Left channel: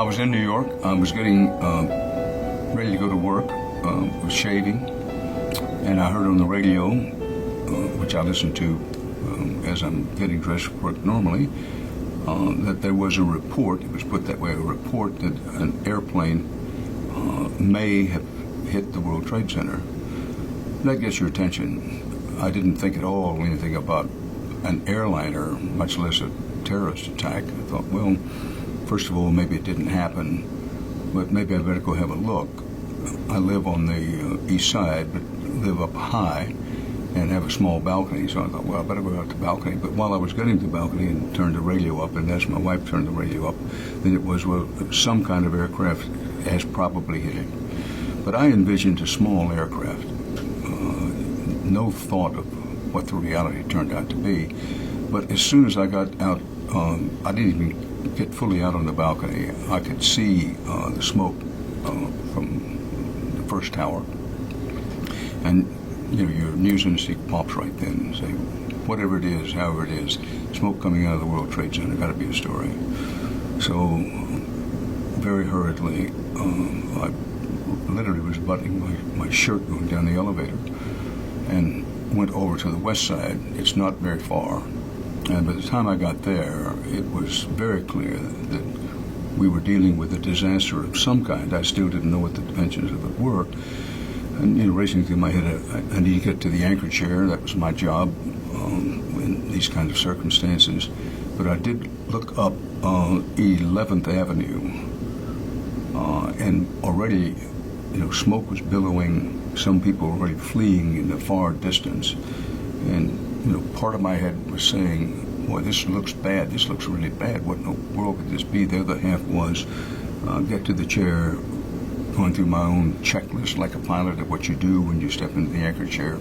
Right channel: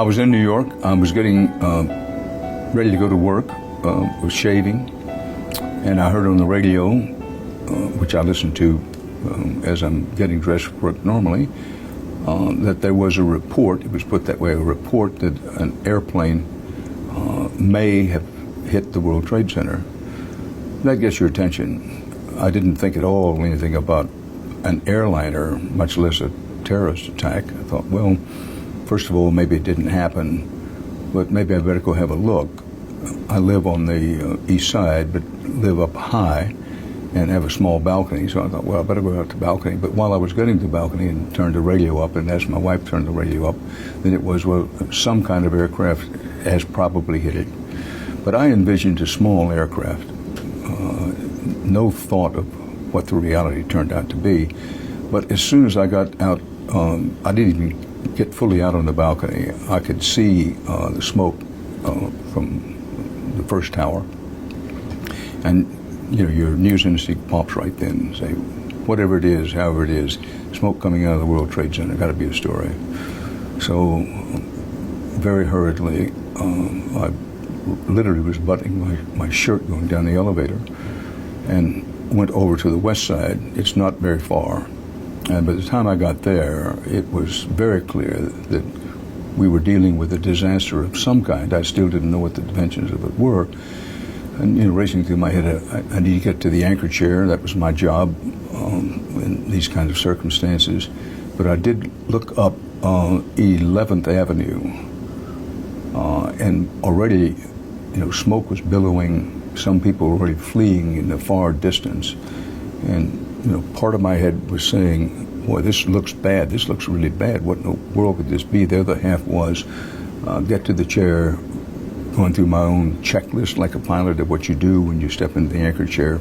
I was in New York. I was getting ready to go to work, was shaving, and I heard on the radio, which I listen to as I'm getting dressed for work normally, that there was a report, it was put that way, a report that an airplane may have hit the World Trade Center. That gets your attention. I didn't think at all anything about an airliner, much less a terrorist attack. I thought, well, first of all, maybe it didn't happen, but maybe I better go have a look. I live on the east side, but live up high and have a small balcony, so I thought, well, I better go out to the balcony. But while I was getting to the balcony and turned the radio up, and as my wife turned the radio up, then it was, well, some kind of aircraft has probably hit it. But I envisioned a small aircraft. No thought of what the reality turned out to be. But as soon as I got out, I didn't even get fully out on the balcony. I could see the smoke from the first tower. And you know, your news instinct pops right then and say, whatever it is, however it is, smoke coming out of the World Trade Center, got to be a story. So very hurriedly, I literally was buttoning my shirt going down the elevator and went over to the west side. It's not very far. And by the time I got there, it was very clear that we were dealing with a disaster of some kind. I still didn't know what the dimensions of it were. And you know, racing through my head, I need to get to the anchor chair. That was my job in these kind of circumstances. But I did look up 11th Avenue, and already, you know, smoke was billowing. Some people were already fleeing in the far distance. And, you know, part of my head was saying, boy, this looks bad. This looks really bad. What in the world could this be? The other half was get to the chair, going through my own checklist like a pilot of what you do when you step into the anchor chair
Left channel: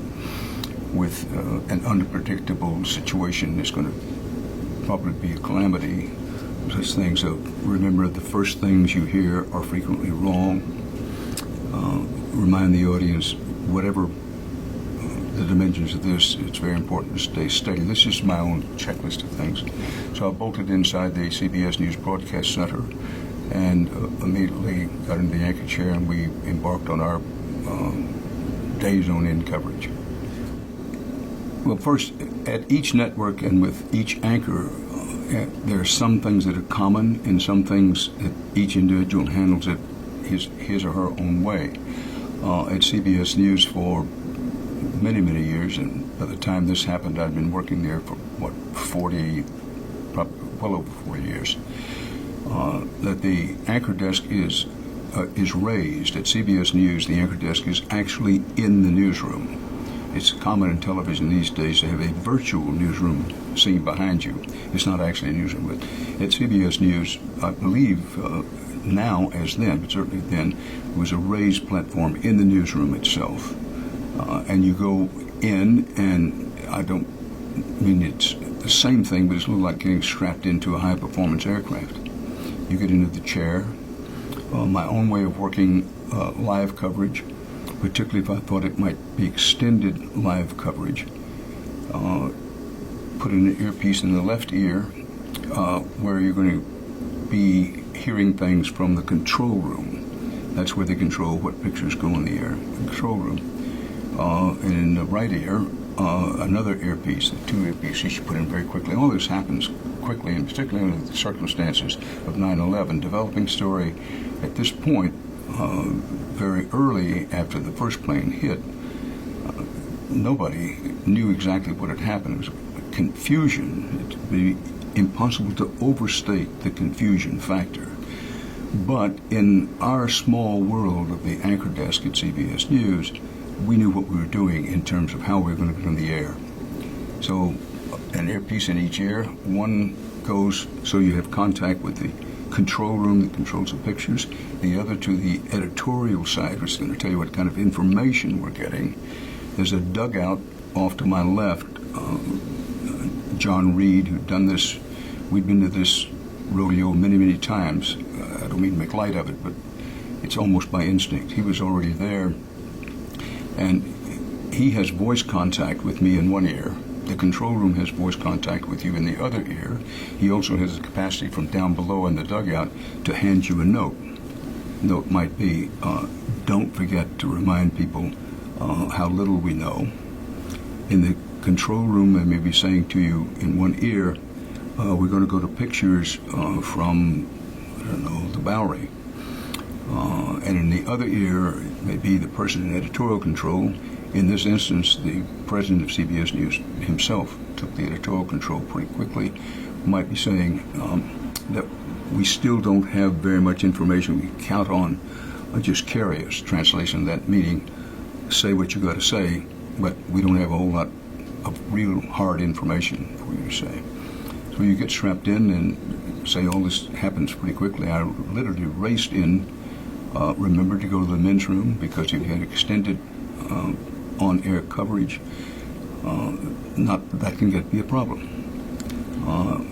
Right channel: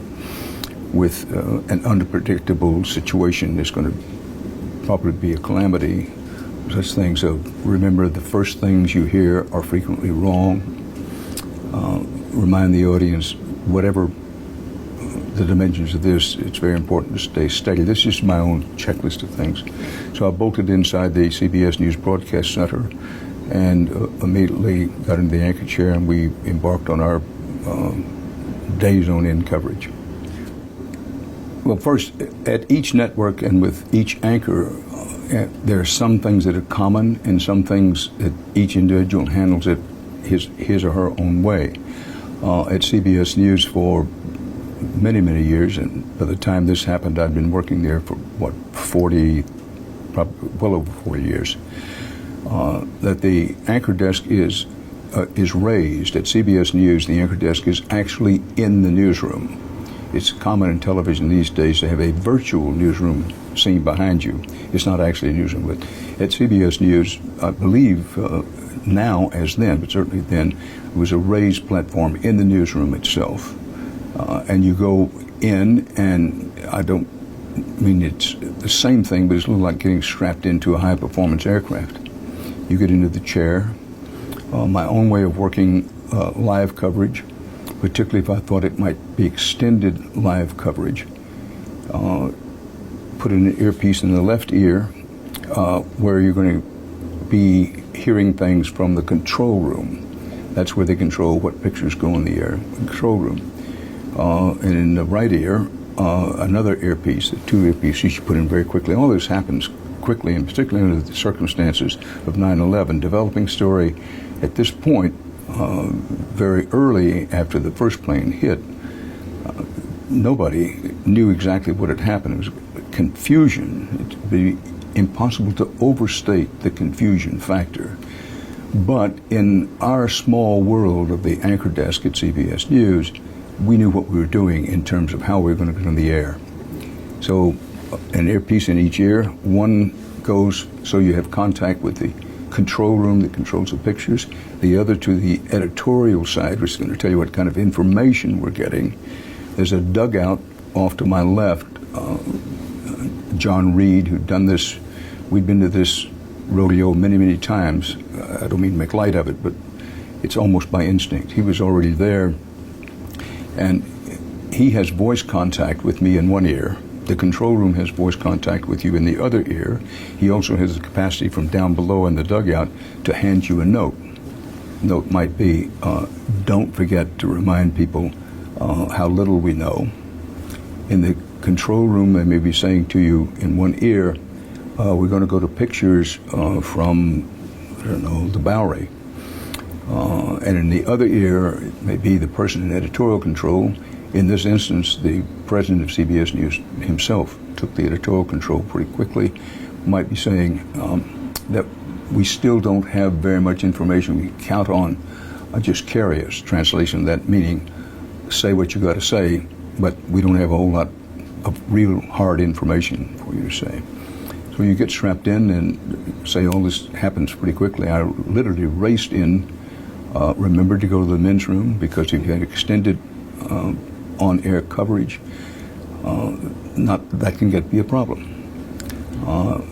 with an unpredictable situation that's going to probably be a calamity. Such things of, remember, the first things you hear are frequently wrong. Remind the audience, whatever the dimensions of this, it's very important to stay steady. This is my own checklist of things. So I bolted inside the CBS News Broadcast Center and immediately got into the anchor chair, and we embarked on our days on end coverage. Well, first, at each network and with each anchor, there are some things that are common and some things that each individual handles it his or her own way. At CBS News for many, many years, and by the time this happened, I'd been working there for, well over 40 years, that the anchor desk is raised. At CBS News, the anchor desk is actually in the newsroom. It's common in television these days to have a virtual newsroom scene behind you. It's not actually a newsroom, but at CBS News, I believe now as then, but certainly then, it was a raised platform in the newsroom itself. And you go in, and I don't mean it's the same thing, but it's a little like getting strapped into a high-performance aircraft. You get into the chair. My own way of working live coverage, particularly if I thought it might be extended live coverage, put an earpiece in the left ear where you're going to be hearing things from the control room. That's where they control what pictures go in the air, the control room. And in the right ear, another earpiece, the two earpieces you put in very quickly. All this happens quickly, and particularly under the circumstances of 9/11. Developing story at this point, very early after the first plane hit, nobody knew exactly what had happened. It was confusion. It would be impossible to overstate the confusion factor. But in our small world of the anchor desk at CBS News, we knew what we were doing in terms of how we were going to get on the air. So an earpiece in each ear, one goes so you have contact with the control room that controls the pictures, the other to the editorial side, which is going to tell you what kind of information we're getting. There's a dugout off to my left. John Reed, who'd done this, we'd been to this rodeo many, many times. I don't mean to make light of it, but it's almost by instinct. He was already there, and he has voice contact with me in one ear, the control room has voice contact with you in the other ear. He also has the capacity from down below in the dugout to hand you a note. Note might be, don't forget to remind people how little we know. In the control room, they may be saying to you in one ear, we're going to go to pictures from, I don't know, the Bowery. And in the other ear, it may be the person in editorial control. In this instance, the president of CBS News himself took the editorial control pretty quickly. Might be saying that we still don't have very much information. We count on just carry us. Translation of that meaning, say what you got to say, but we don't have a whole lot of real hard information for you to say. So you get strapped in and say all this happens pretty quickly. I literally raced in, remembered to go to the men's room because if you had extended on-air coverage, that can be a problem.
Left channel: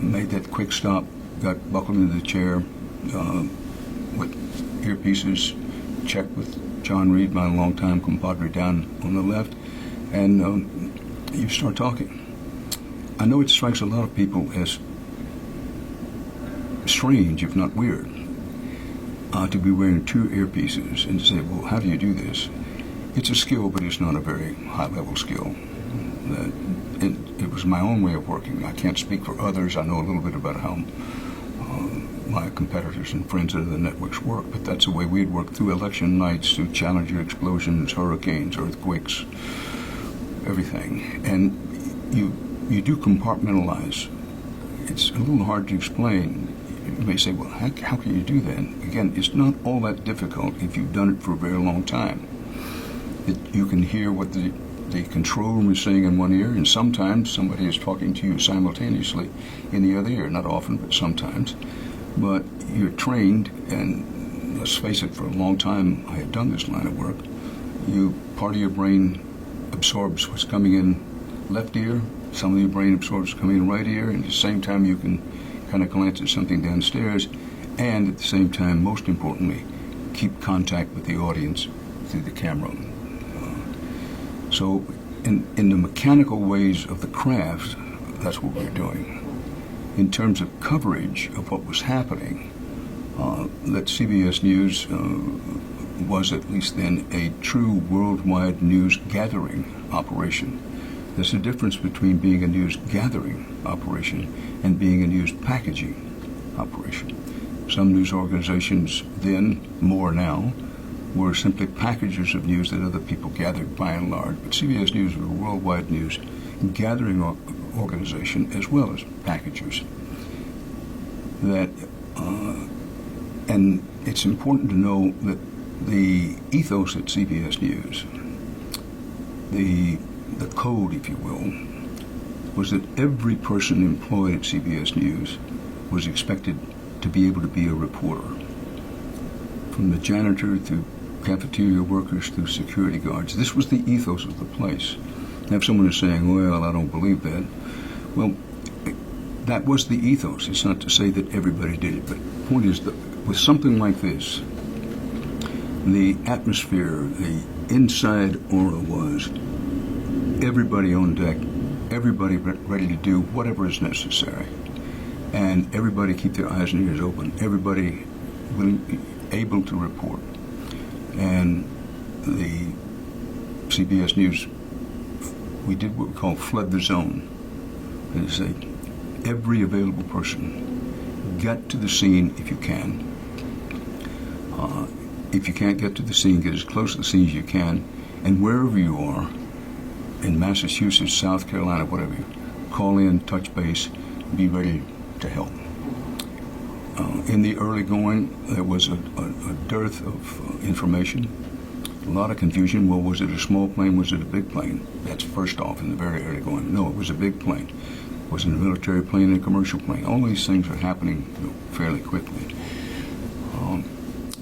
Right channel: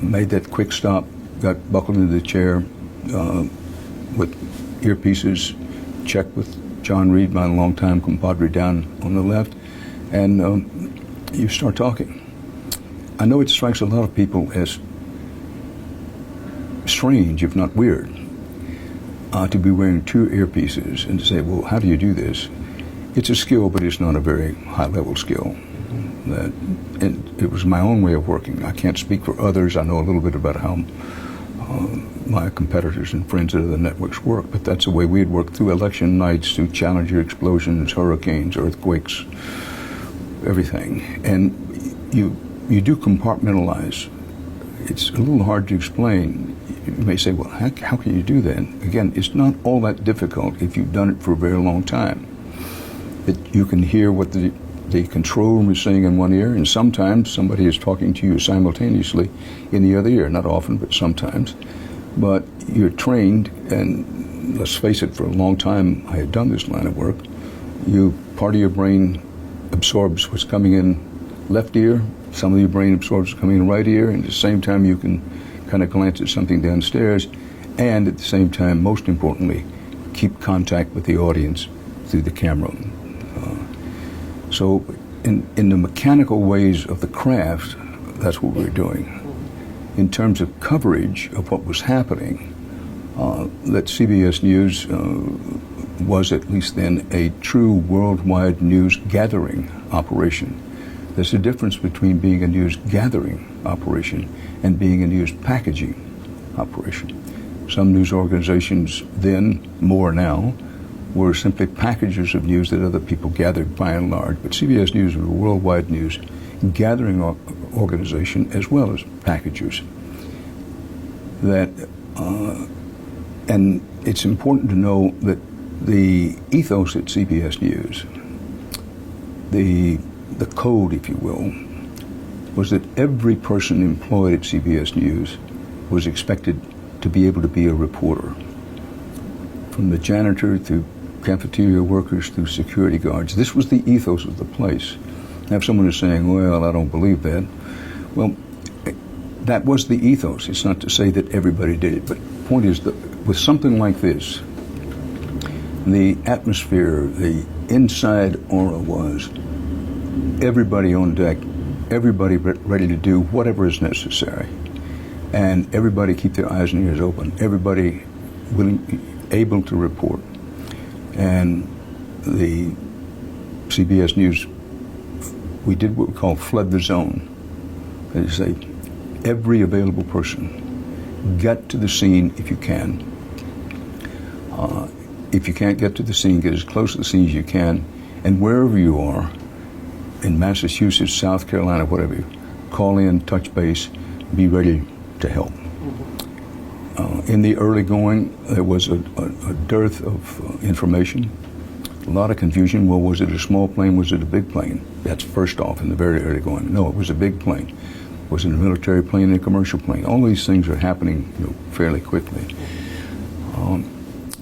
Made that quick stop, got buckled into the chair with earpieces, checked with John Reed, my longtime compadre down on the left, and you start talking. I know it strikes a lot of people as strange, if not weird, to be wearing two earpieces and to say, well, how do you do this? It's a skill, but it's not a very high-level skill. And it was my own way of working. I can't speak for others. I know a little bit about how my competitors and friends at other networks work, but that's the way we'd work through election nights, through Challenger explosions, hurricanes, earthquakes, everything. And you do compartmentalize. It's a little hard to explain. You may say, well, how can you do that? Again, it's not all that difficult if you've done it for a very long time. That you can hear what the control room is saying in one ear, and sometimes somebody is talking to you simultaneously in the other ear. Not often, but sometimes. But you're trained, and let's face it, for a long time I had done this line of work. Part of your brain absorbs what's coming in left ear, some of your brain absorbs what's coming in right ear, and at the same time you can kind of glance at something downstairs, and at the same time, most importantly, keep contact with the audience through the camera. So in the mechanical ways of the craft, that's what we're doing. In terms of coverage of what was happening, that CBS News was at least then a true worldwide news gathering operation. There's a difference between being a news gathering operation and being a news packaging operation. Some news organizations then, more now, were simply packages of news that other people gathered by and large. But CBS News was a worldwide news gathering organization as well as packagers. And it's important to know that the ethos at CBS News, the code, if you will, was that every person employed at CBS News was expected to be able to be a reporter. From the janitor through cafeteria workers through security guards. This was the ethos of the place. Now, if someone is saying, well, I don't believe that, well, that was the ethos. It's not to say that everybody did it, but the point is that with something like this, the atmosphere, the inside aura was everybody on deck, everybody ready to do whatever is necessary, and everybody keep their eyes and ears open, everybody able to report. And the CBS News, we did what we call flood the zone. That is, say, every available person, get to the scene if you can. If you can't get to the scene, get as close to the scene as you can. And wherever you are, in Massachusetts, South Carolina, whatever, call in, touch base, be ready to help. In the early going, there was a dearth of information, a lot of confusion. Well, was it a small plane? Was it a big plane? That's first off in the very early going. No, it was a big plane. Was it a military plane and a commercial plane? All these things are happening fairly quickly.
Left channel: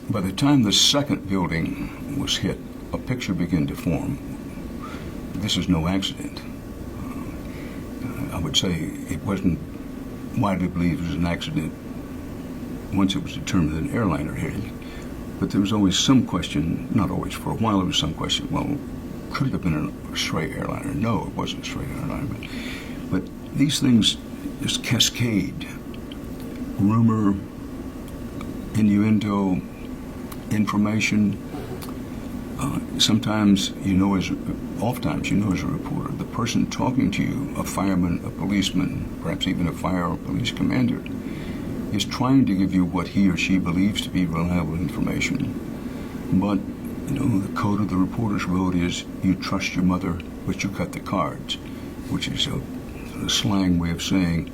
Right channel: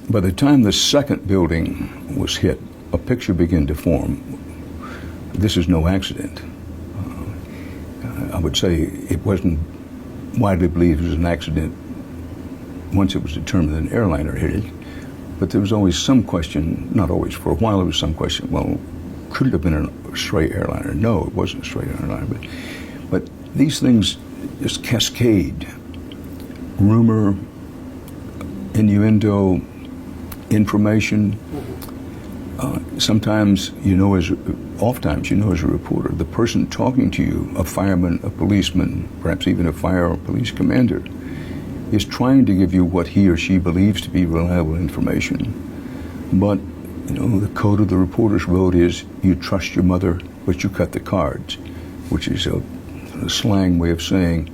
By the time the second building was hit, a picture began to form. This is no accident. I would say it wasn't widely believed it was an accident once it was determined that an airliner hit it. But there was always some question, not always, for a while there was some question, well, could it have been a stray airliner? No, it wasn't a stray airliner. But But these things just cascade. Rumor, innuendo, information. Oftentimes, as a reporter, the person talking to you, a fireman, a policeman, perhaps even a fire or police commander, is trying to give you what he or she believes to be reliable information. But, the code of the reporter's road is you trust your mother, but you cut the cards, which is a slang way of saying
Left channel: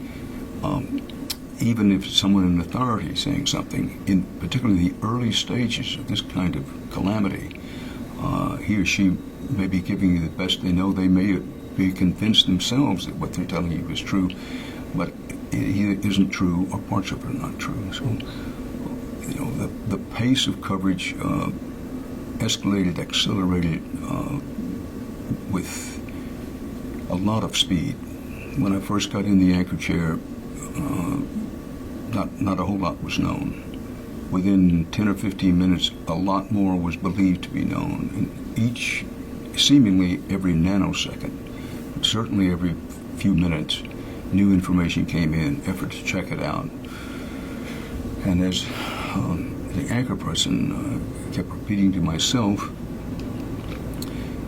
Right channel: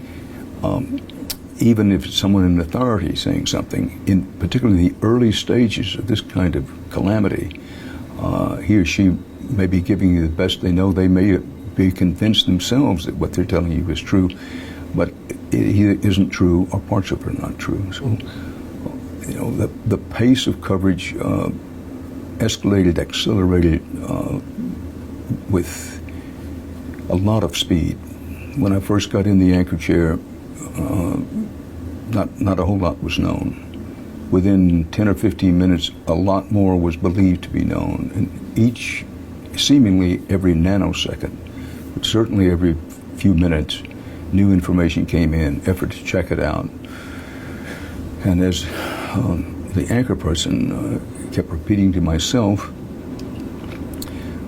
even if someone in authority is saying something, in particularly the early stages of this kind of calamity, he or she may be giving you the best they know. They may be convinced themselves that what they're telling you is true, but it either isn't true or parts of it are not true. So, the pace of coverage accelerated with a lot of speed. When I first got in the anchor chair, not a whole lot was known. Within 10 or 15 minutes, a lot more was believed to be known. And seemingly every nanosecond, but certainly every few minutes, new information came in, effort to check it out. And as the anchor person kept repeating to myself,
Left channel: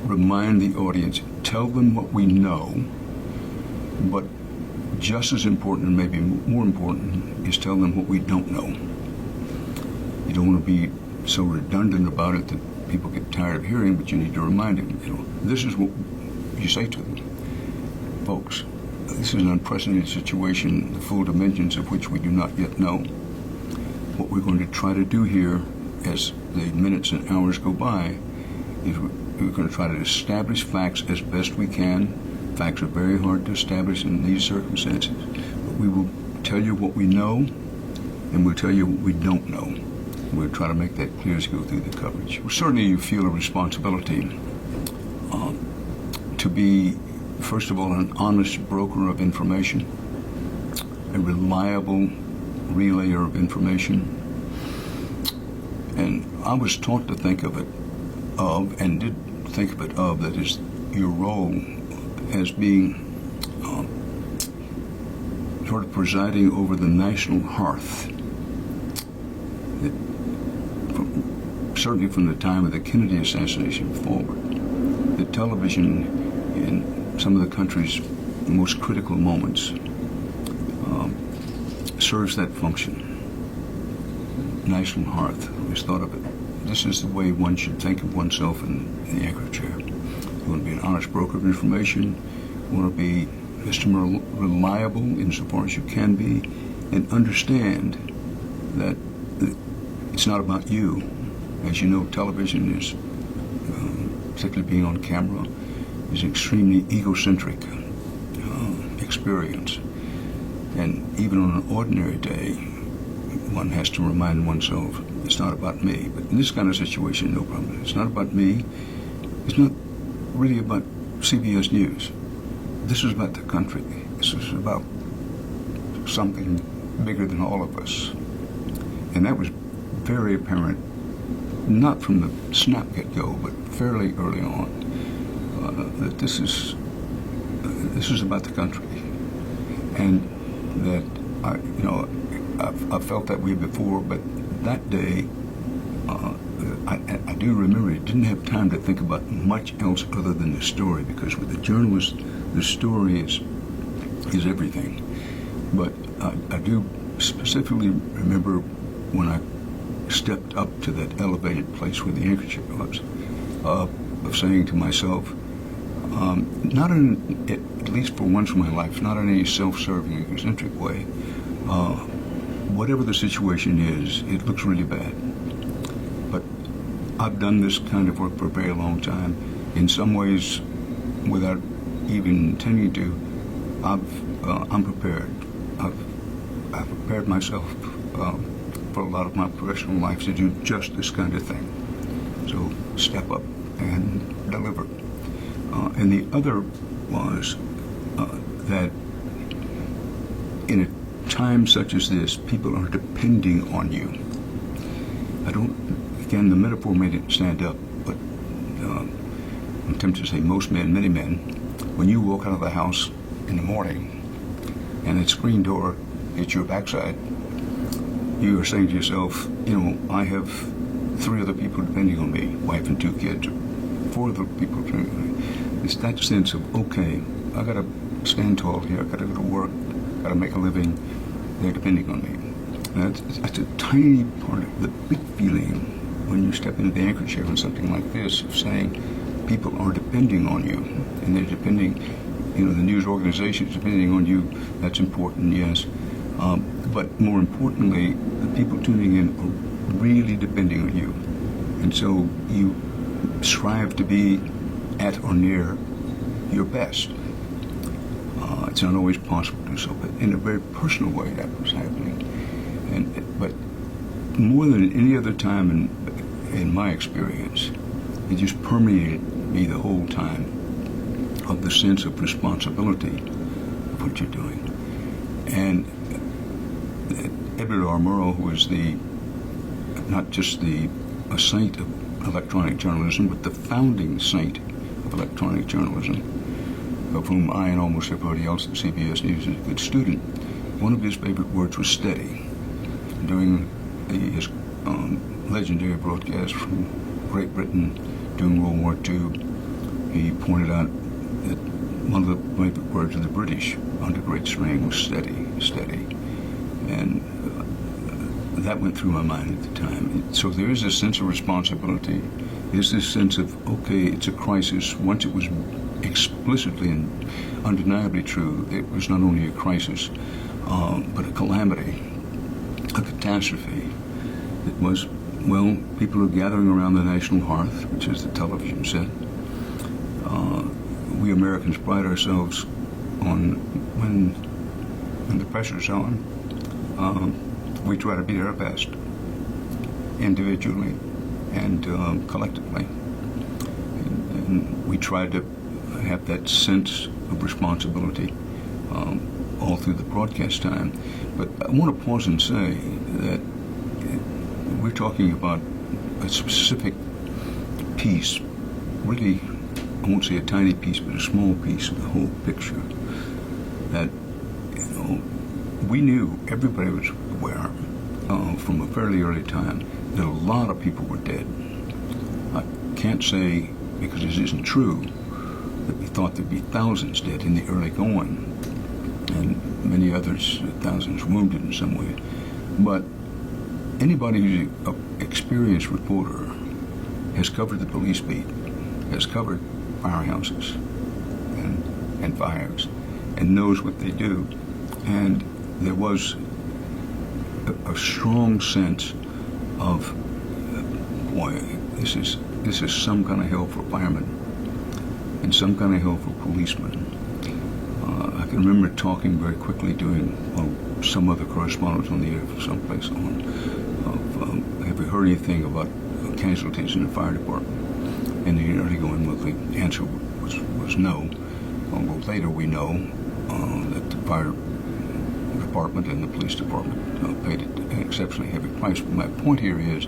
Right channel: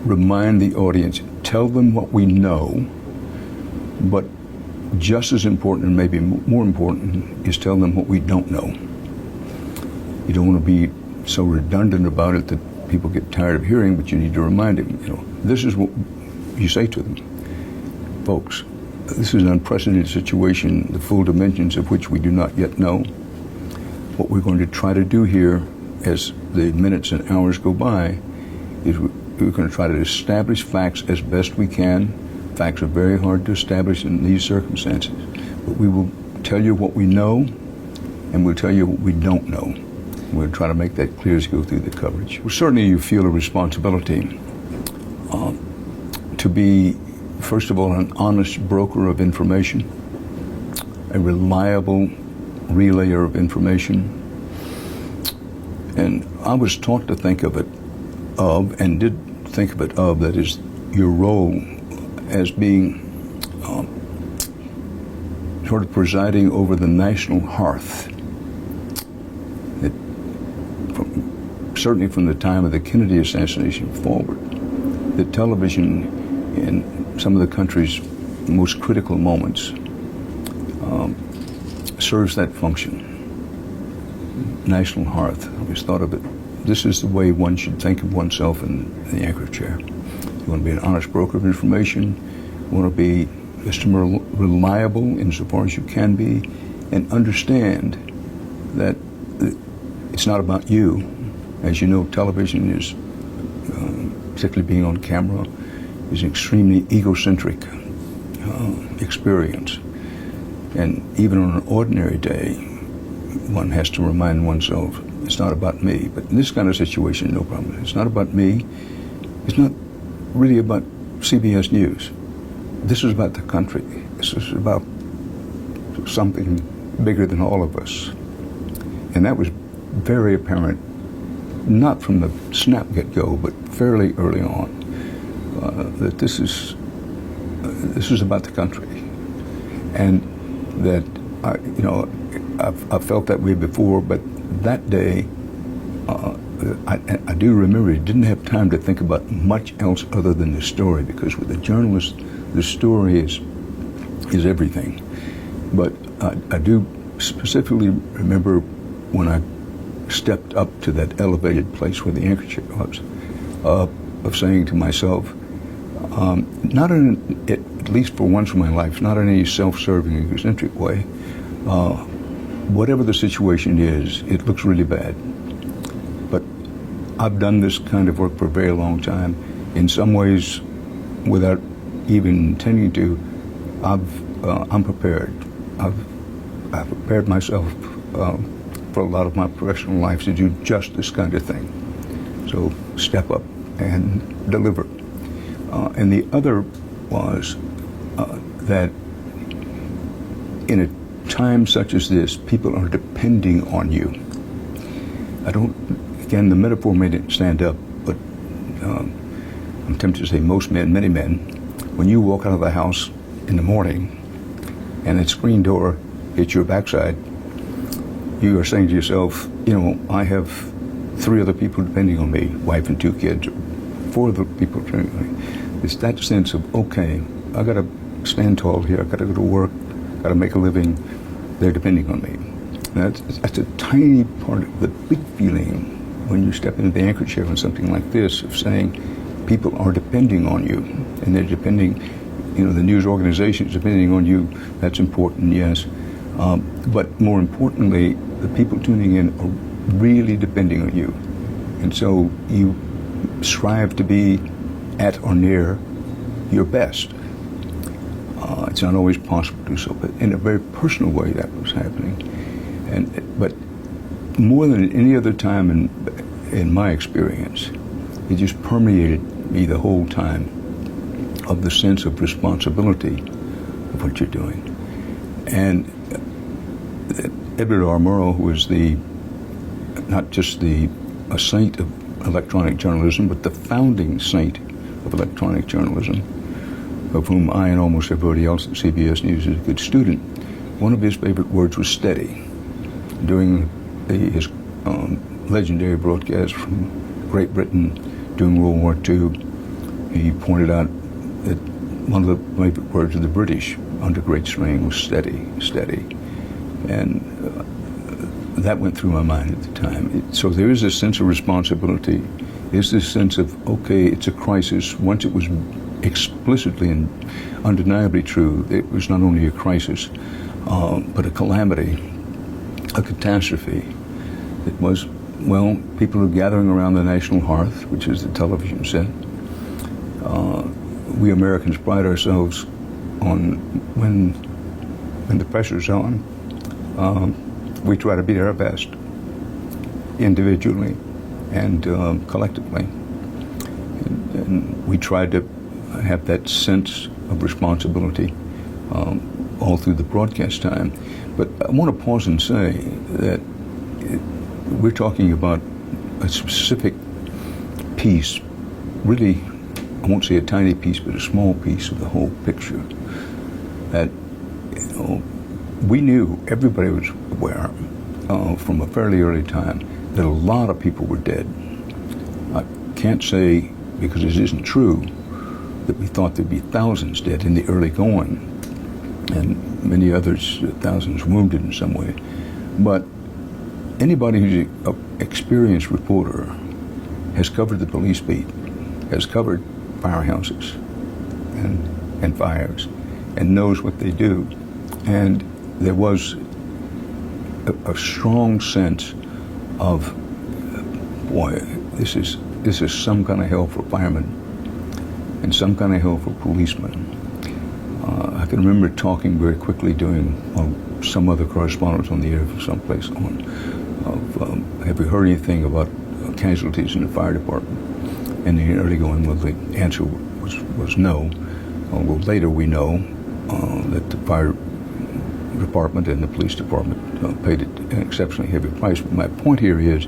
remind the audience, tell them what we know, but just as important, and maybe more important, is tell them what we don't know. You don't want to be so redundant about it that people get tired of hearing, but you need to remind them, this is what you say to them. Folks, this is an unprecedented situation, the full dimensions of which we do not yet know. What we're going to try to do here as the minutes and hours go by is we're going to try to establish facts as best we can. Facts are very hard to establish in these circumstances. But we will tell you what we know, and we'll tell you what we don't know. We'll try to make that clear as you go through the coverage. Well, certainly you feel a responsibility to be, first of all, an honest broker of information, a reliable relayer of information. And I was taught to think of it and did think of it that is your role as being sort of presiding over the national hearth. Certainly from the time of the Kennedy assassination forward, that television in some of the country's most critical moments serves that function. National hearth. I always thought of it. This is the way one should think of oneself in the anchor chair. You want to be an honest broker of information. You want to be just reliable insofar as you can be, and understand that it's not about you. As you know, television is, particularly being on camera, is an extremely egocentric experience. And even on an ordinary day, one has to remind oneself, it's not about me. But in this kind of situation, no problem. It's not about me. It's not really about CBS News. This is about the country. This is about something bigger than all of us. And that was very apparent, not from the snap get-go, but fairly early on, that this is about the country. And that, I've felt that way before, but that day, I do remember he didn't have time to think about much else other than the story, because with a journalist, the story is everything. But I do specifically remember when I stepped up to that elevated place where the anchor chair was, of saying to myself, at least for once in my life, not in any self-serving, egocentric way, whatever the situation is, it looks really bad. But I've done this kind of work for a very long time. In some ways, without even intending to, I'm prepared. I've prepared myself for a lot of my professional life to do just this kind of thing. So step up and deliver. And the other was that in a time such as this, people are depending on you. Again, the metaphor may not stand up, but I'm tempted to say most men, many men, when you walk out of the house in the morning and that screen door hits your backside, you are saying to yourself, I have 3 other people depending on me, wife and 2 kids, 4 other people depending on me. It's that sense of, okay, I got to stand tall here, I got to go to work, got to make a living, they're depending on me. That's a tiny part of the big feeling when you step into the anchor chair on something like this, of saying people are depending on you, and they're depending, the news organizations depending on you. That's important, yes. But more importantly, the people tuning in are really depending on you. And so you strive to be at or near your best. It's not always possible to do so, but in a very personal way that was happening. But more than any other time in my experience, it just permeated me the whole time, of the sense of responsibility of what you're doing. And Edward R. Murrow, who is not just a saint of electronic journalism, but the founding saint of electronic journalism, of whom I and almost everybody else at CBS News is a good student, one of his favorite words was steady. During his legendary broadcast from Great Britain during World War II, he pointed out that one of the favorite words of the British under great strain was steady, steady. And that went through my mind at the time. So there is a sense of responsibility. There's this sense of, okay, it's a crisis. Once it was explicitly and undeniably true, it was not only a crisis, but a calamity, a catastrophe. It was, people are gathering around the national hearth, which is the television set. We Americans pride ourselves on when the pressure's on, we try to be our best, individually and collectively. And we try to have that sense of responsibility all through the broadcast time. But I want to pause and say that we're talking about a specific piece, really, I won't say a tiny piece, but a small piece of the whole picture. That, we knew, everybody was aware from a fairly early time that a lot of people were dead. I can't say, because this isn't true, that we thought there'd be thousands dead in the early going, and many others, thousands wounded in some way. But anybody who's an experienced reporter has covered the police beat, has covered firehouses and fires, and knows what they do. And there was a strong sense of, boy, this is some kind of hell for firemen and some kind of hell for policemen. I can remember talking very quickly, doing some other correspondence on the air from someplace on, have we heard anything about casualties in the fire department? And the early going, the answer was no. Although later we know that the fire department and the police department paid an exceptionally heavy price. But my point here is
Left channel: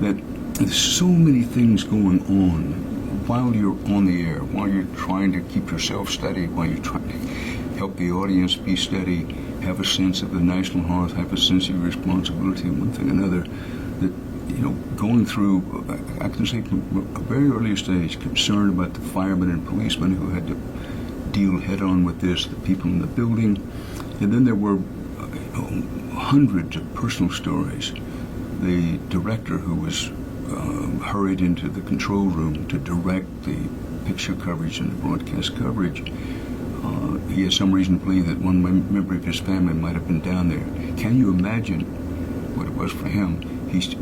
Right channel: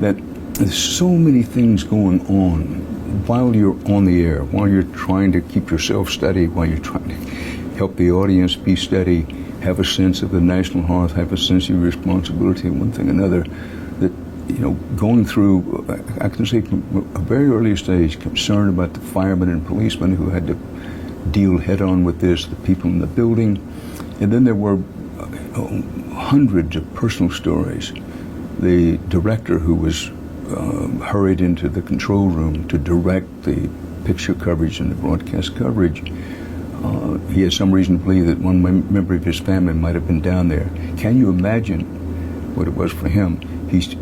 that there's so many things going on while you're on the air, while you're trying to keep yourself steady, while you're trying to help the audience be steady, have a sense of the national hearth, have a sense of your responsibility, one thing or another, that, going through, I can say from a very early stage, concerned about the firemen and policemen who had to deal head-on with this, the people in the building. And then there were hundreds of personal stories. The director who was hurried into the control room to direct the picture coverage and the broadcast coverage, he has some reason to believe that one member of his family might have been down there. Can you imagine what it was for him? He's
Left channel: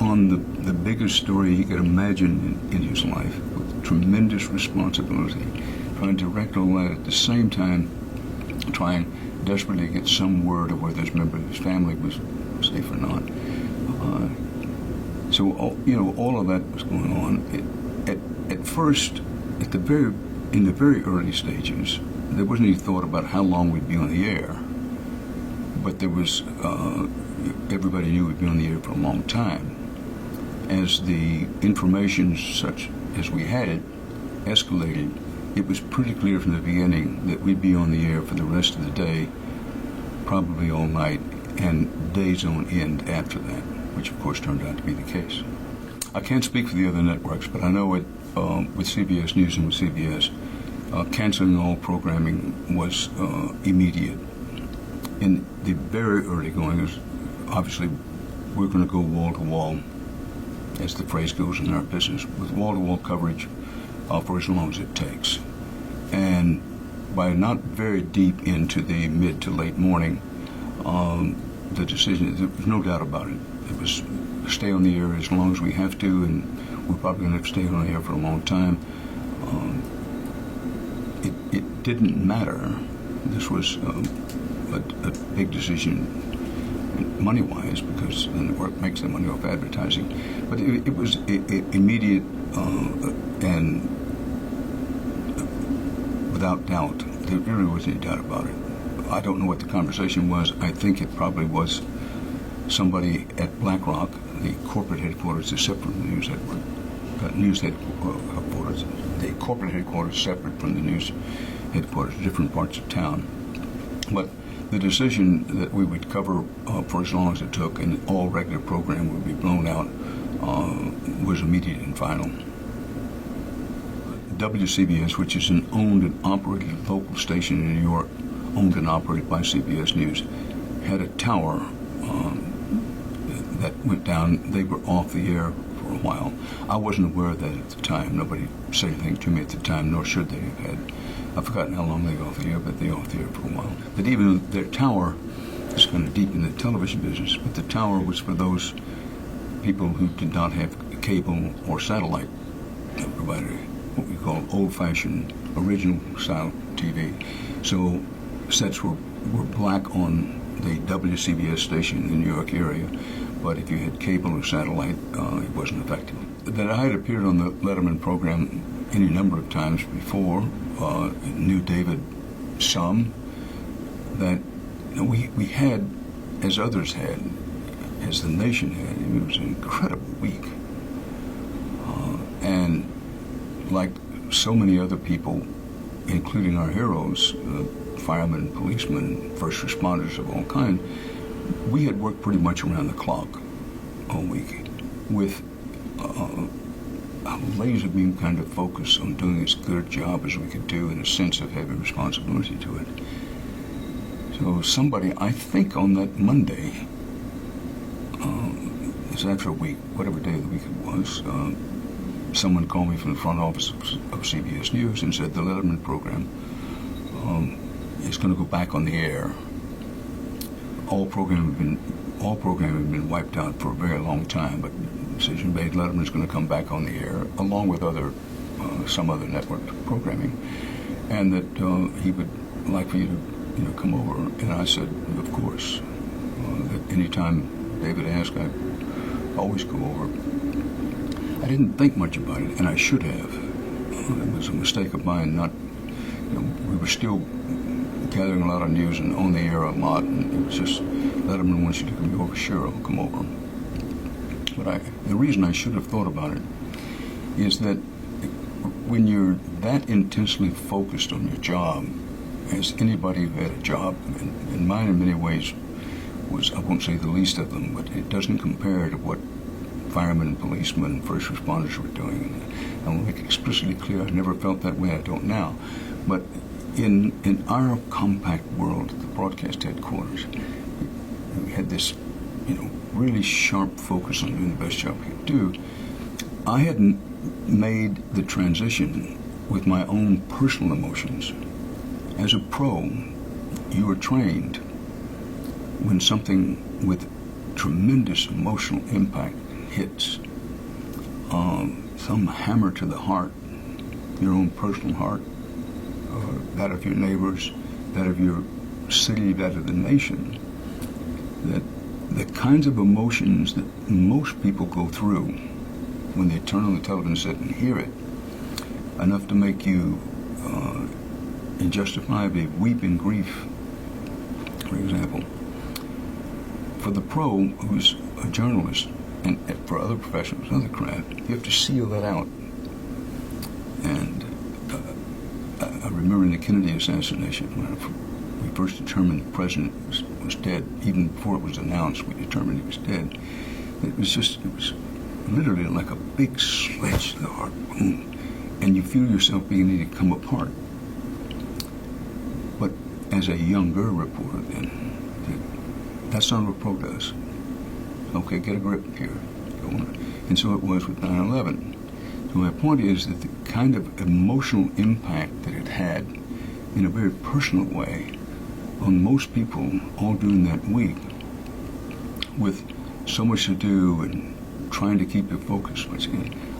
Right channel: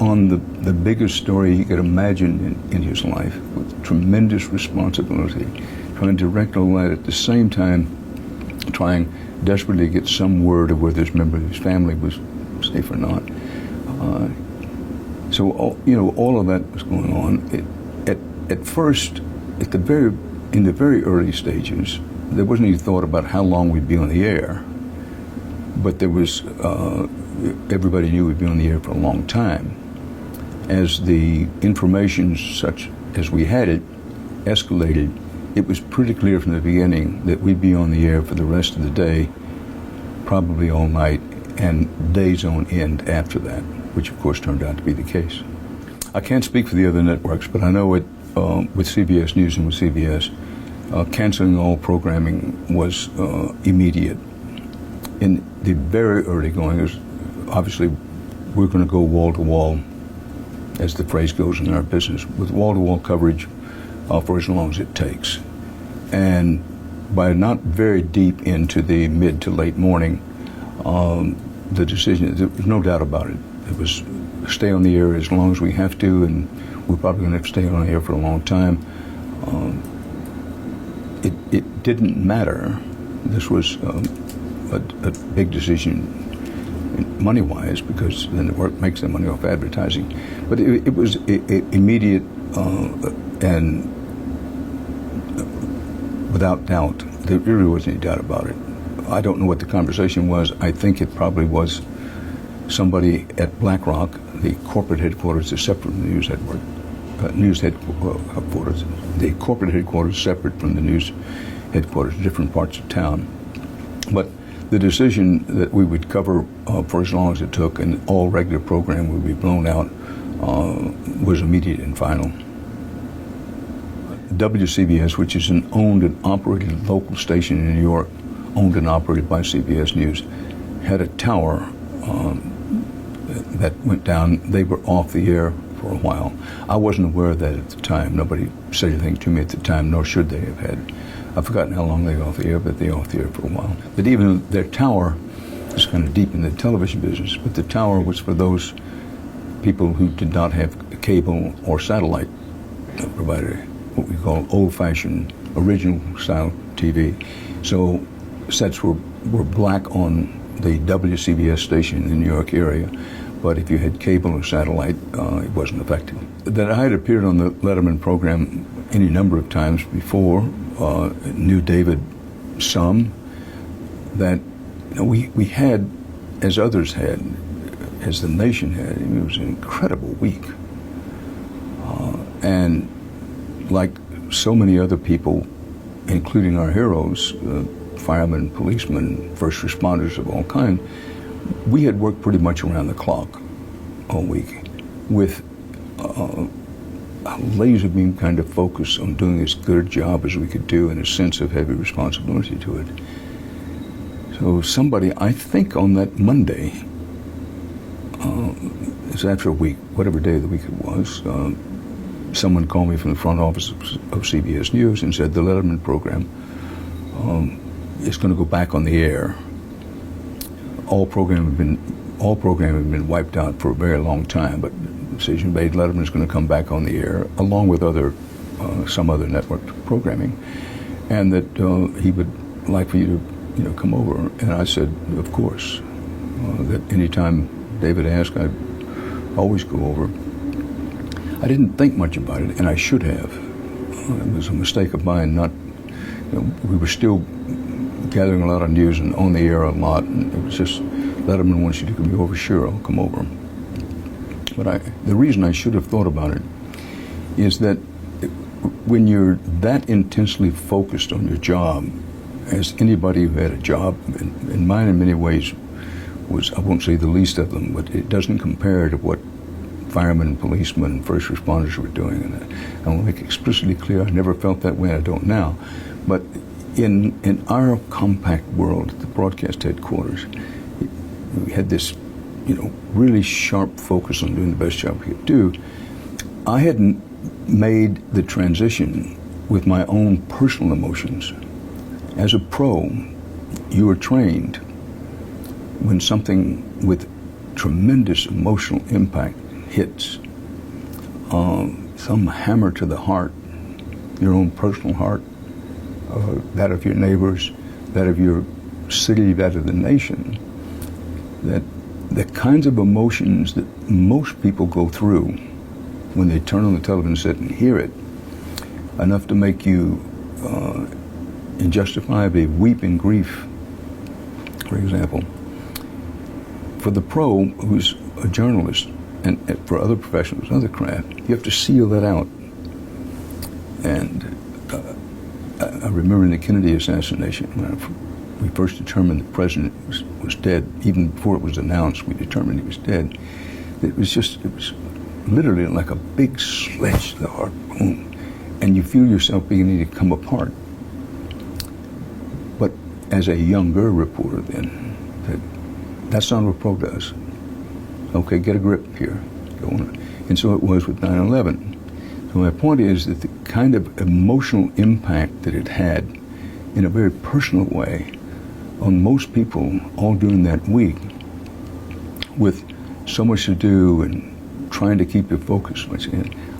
on the biggest story he could imagine in his life, with tremendous responsibility, trying to direct all that at the same time, trying desperately to get some word of whether this member of his family was safe or not. So all of that was going on. At first, in the very early stages, there wasn't any thought about how long we'd be on the air, but there was. Everybody knew we'd be on the air for a long time. As the information, such as we had it, escalated, it was pretty clear from the beginning that we'd be on the air for the rest of the day, probably all night, and days on end after that, which of course turned out to be the case. I can't speak for the other networks, but I know it with CBS News and with CBS, canceling all programming was immediate. In the very early going, obviously we're going to go wall to wall, as the phrase goes in our business, with wall-to-wall coverage for as long as it takes. And by not very deep into the mid to late morning, the decision, there was no doubt about it. It was stay on the air as long as we have to, and we're probably going to stay on the air for a long time. It didn't matter. This was a big decision money-wise, because the network makes their money off advertising. But it was immediate and without doubt. There really wasn't any doubt about it. I don't know what the conversation was. I think it probably was somebody at BlackRock. The corporate headquarters is separate from the news network. Headquarters. The corporate headquarters is separate from the news headquarters, different parts of town. But the decision that we would cover for as long as it took and all regular program would be blown out was immediate and final. WCBS, which is an owned and operated local station in New York, owned and operated by CBS News, had a tower that went down. They were off the air for a while. I wasn't aware of that at the time. Nobody said anything to me at the time, nor should they have had. I've forgotten how long they were off the air, but they were off the air for a while. But even their tower is kind of deep in the television business, but the tower was for those people who did not have cable or satellite provider, what we call old-fashioned, original-style TV. So sets were black on the WCBS station in the New York area, but if you had cable or satellite, it wasn't effective. That I had appeared on the Letterman program any number of times before, knew David some, that we had, as others had, as the nation had, it was an incredible week. And like so many other people, including our heroes, firemen, policemen, first responders of all kind, we had worked pretty much around the clock all week with a laser beam kind of focus on doing as good a job as we could do and a sense of heavy responsibility to it. So somebody, I think on that Monday, it was after a week, whatever day of the week it was, someone called me from the front office of CBS News and said the Letterman program is going to go back on the air. All program had been wiped out for a very long time, but the decision made Letterman is going to come back on the air along with some other network programming, and that he would like for you to come over. And I said, of course, that anytime David asked, I'd always go over. I didn't think much about it, and I should have. It was a mistake of mine. We were still gathering a lot of news and on the air a lot, and it was just, Letterman wants you to come over. Sure, I'll come over. But the reason I should have thought about it is that when you're that intensely focused on your job, as anybody who had a job, and mine in many ways was, I won't say the least of them, but it doesn't compare to what firemen and policemen and first responders were doing. And I want to make explicitly clear, I never felt that way, I don't now. But in our compact world, the broadcast headquarters, we had this, really sharp focus on doing the best job we could do. I hadn't made the transition with my own personal emotions. As a pro, you are trained when something with tremendous emotional impact hits, some hammer to the heart, your own personal heart, that of your neighbors, that of your city, that of the nation, that the kinds of emotions that most people go through when they turn on the television set and hear it, enough to make you injustifiably weep in grief, for example. For the pro, who's a journalist, and for other professionals, other craft, you have to seal that out. And remember in the Kennedy assassination, when we first determined the president was dead, even before it was announced, we determined he was dead. It was literally like a big sledge to the heart, boom, and you feel yourself beginning to come apart. But as a younger reporter then, that's not what pro does. Okay, get a grip here, go on. And so it was with 9/11. So my point is that the kind of emotional impact that it had in a very personal way on most people all during that week, with so much to do and trying to keep your focus.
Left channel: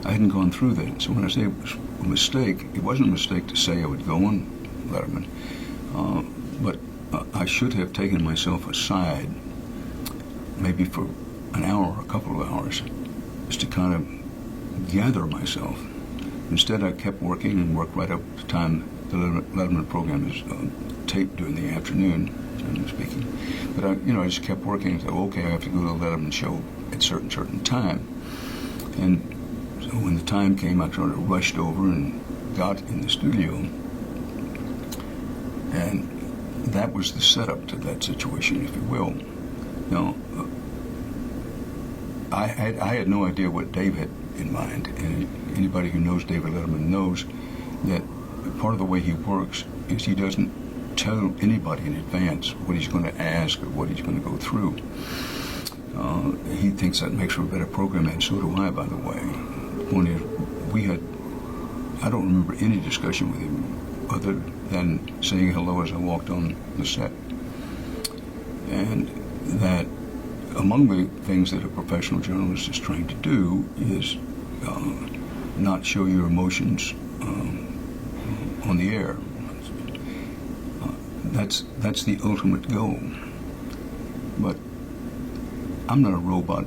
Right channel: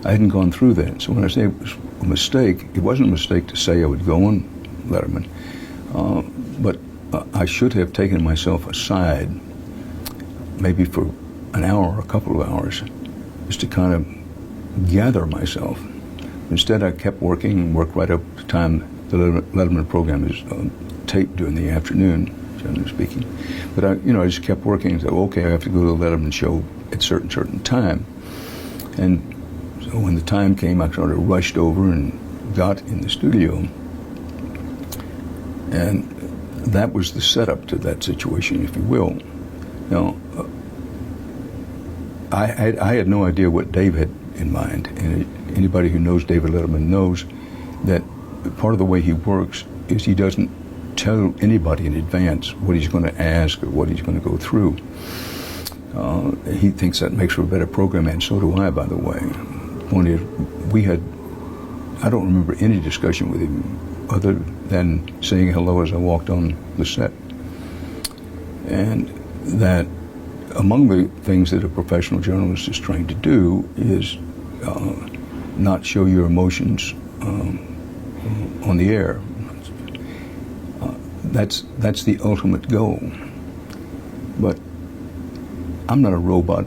I hadn't gone through that. So when I say it was a mistake, it wasn't a mistake to say I would go on Letterman. But I should have taken myself aside, maybe for an hour or a couple of hours, just to kind of gather myself. Instead, I kept working and worked right up to the time the Letterman program is taped during the afternoon, generally speaking. But I just kept working and said, okay, I have to go to the Letterman show at certain time. And so when the time came, I sort of rushed over and got in the studio. And that was the setup to that situation, if you will. Now, I had no idea what Dave had in mind. And anybody who knows David Letterman knows that part of the way he works is he doesn't tell anybody in advance what he's going to ask or what he's going to go through. He thinks that makes for a better program, and so do I, by the way. Point is, I don't remember any discussion with him other than saying hello as I walked on the set. And that among the things that a professional journalist is trained to do is not show your emotions on the air. That's the ultimate goal. But I'm not a robot.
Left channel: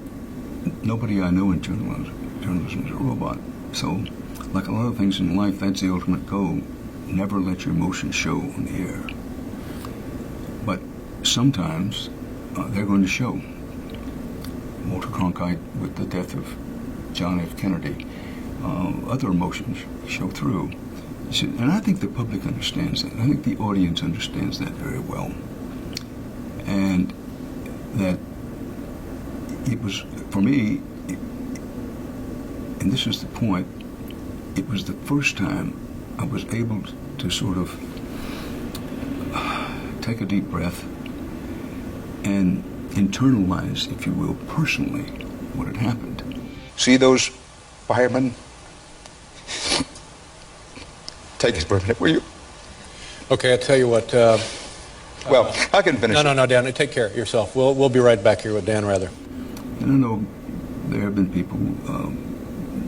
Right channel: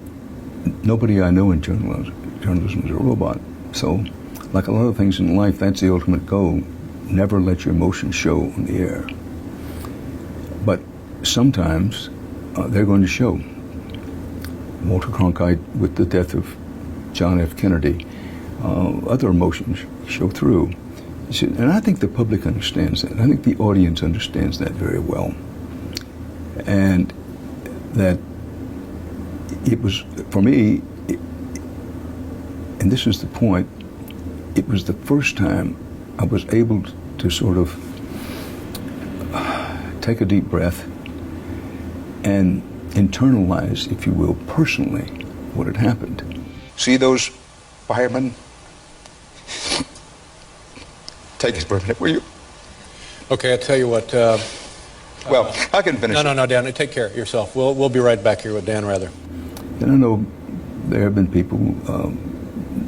Nobody I know in journalism is a robot. So, like a lot of things in life, that's the ultimate goal. Never let your emotions show on the air. But sometimes they're going to show. Walter Cronkite with the death of John F. Kennedy, other emotions show through. And I think the public understands that. I think the audience understands that very well. And that it was, for me, and this is the point, it was the first time I was able to sort of take a deep breath and internalize, if you will, personally, what had happened. See those firemen? Take it for a minute, will you? Okay, I'll tell you what. Well, I can finish. No, Dan, take care of yourself. We'll be right back here with Dan Rather. And I know there have been people,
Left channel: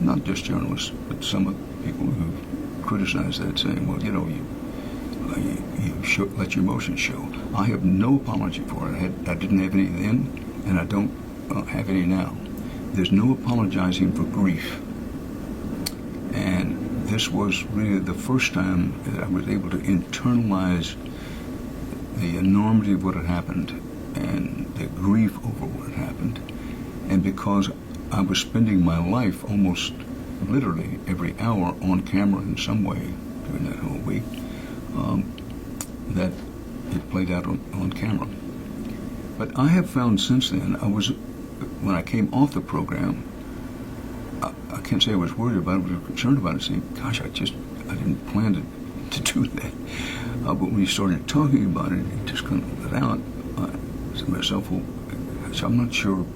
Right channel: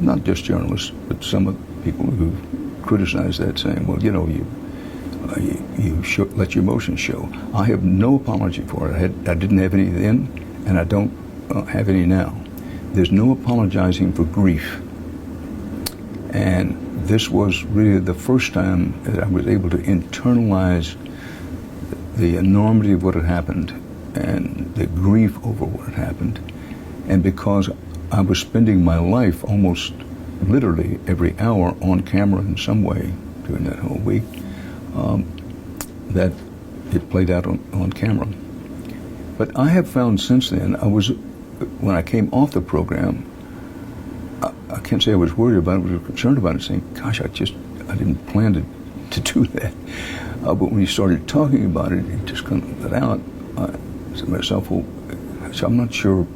not just journalists, but some of the people who criticize that, saying, well, you let your emotions show. I have no apology for it. I didn't have any then, and I don't have any now. There's no apologizing for grief. And this was really the first time that I was able to internalize the enormity of what had happened and the grief over what had happened. And because I was spending my life almost literally every hour on camera in some way during that whole week, that it played out on camera. But I have found since then, when I came off the program, I can't say I was worried about it, I was concerned about it, saying, gosh, I didn't plan to do that. But when you started talking about it, it just kind of let out. I said to myself, well, so I'm not sure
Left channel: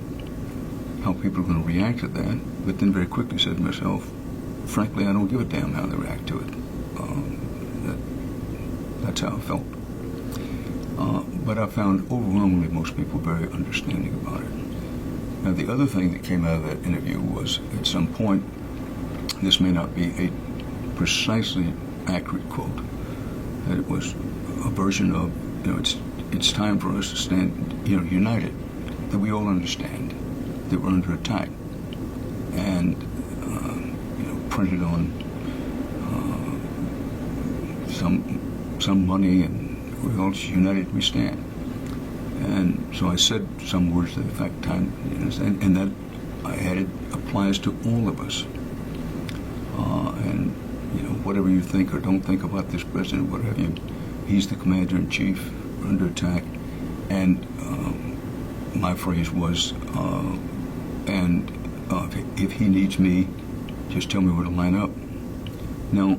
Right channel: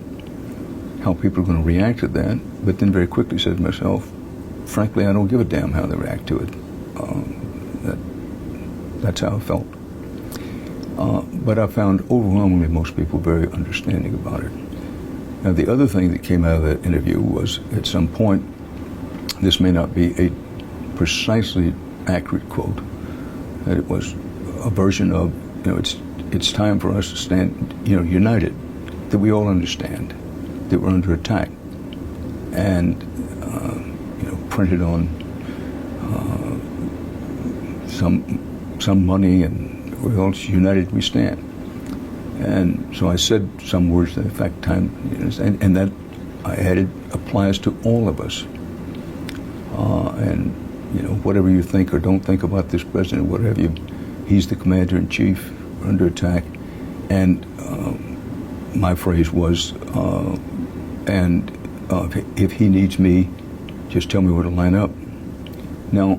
how people are going to react to that, but then very quickly said to myself, frankly, I don't give a damn how they react to it. That's how I felt. But I found overwhelmingly most people very understanding about it. Now, the other thing that came out of that interview was, at some point, this may not be a precisely accurate quote, that it was a version of, it's time for us to stand, united, that we all understand that we're under attack, and printed on some money, and we're all united we stand. And so I said some words to the effect, time, and that I added applies to all of us. And whatever you think or don't think about this president, what have you, he's the commander-in-chief under attack. And my phrase was, if he needs me, just tell me where to line up. Now,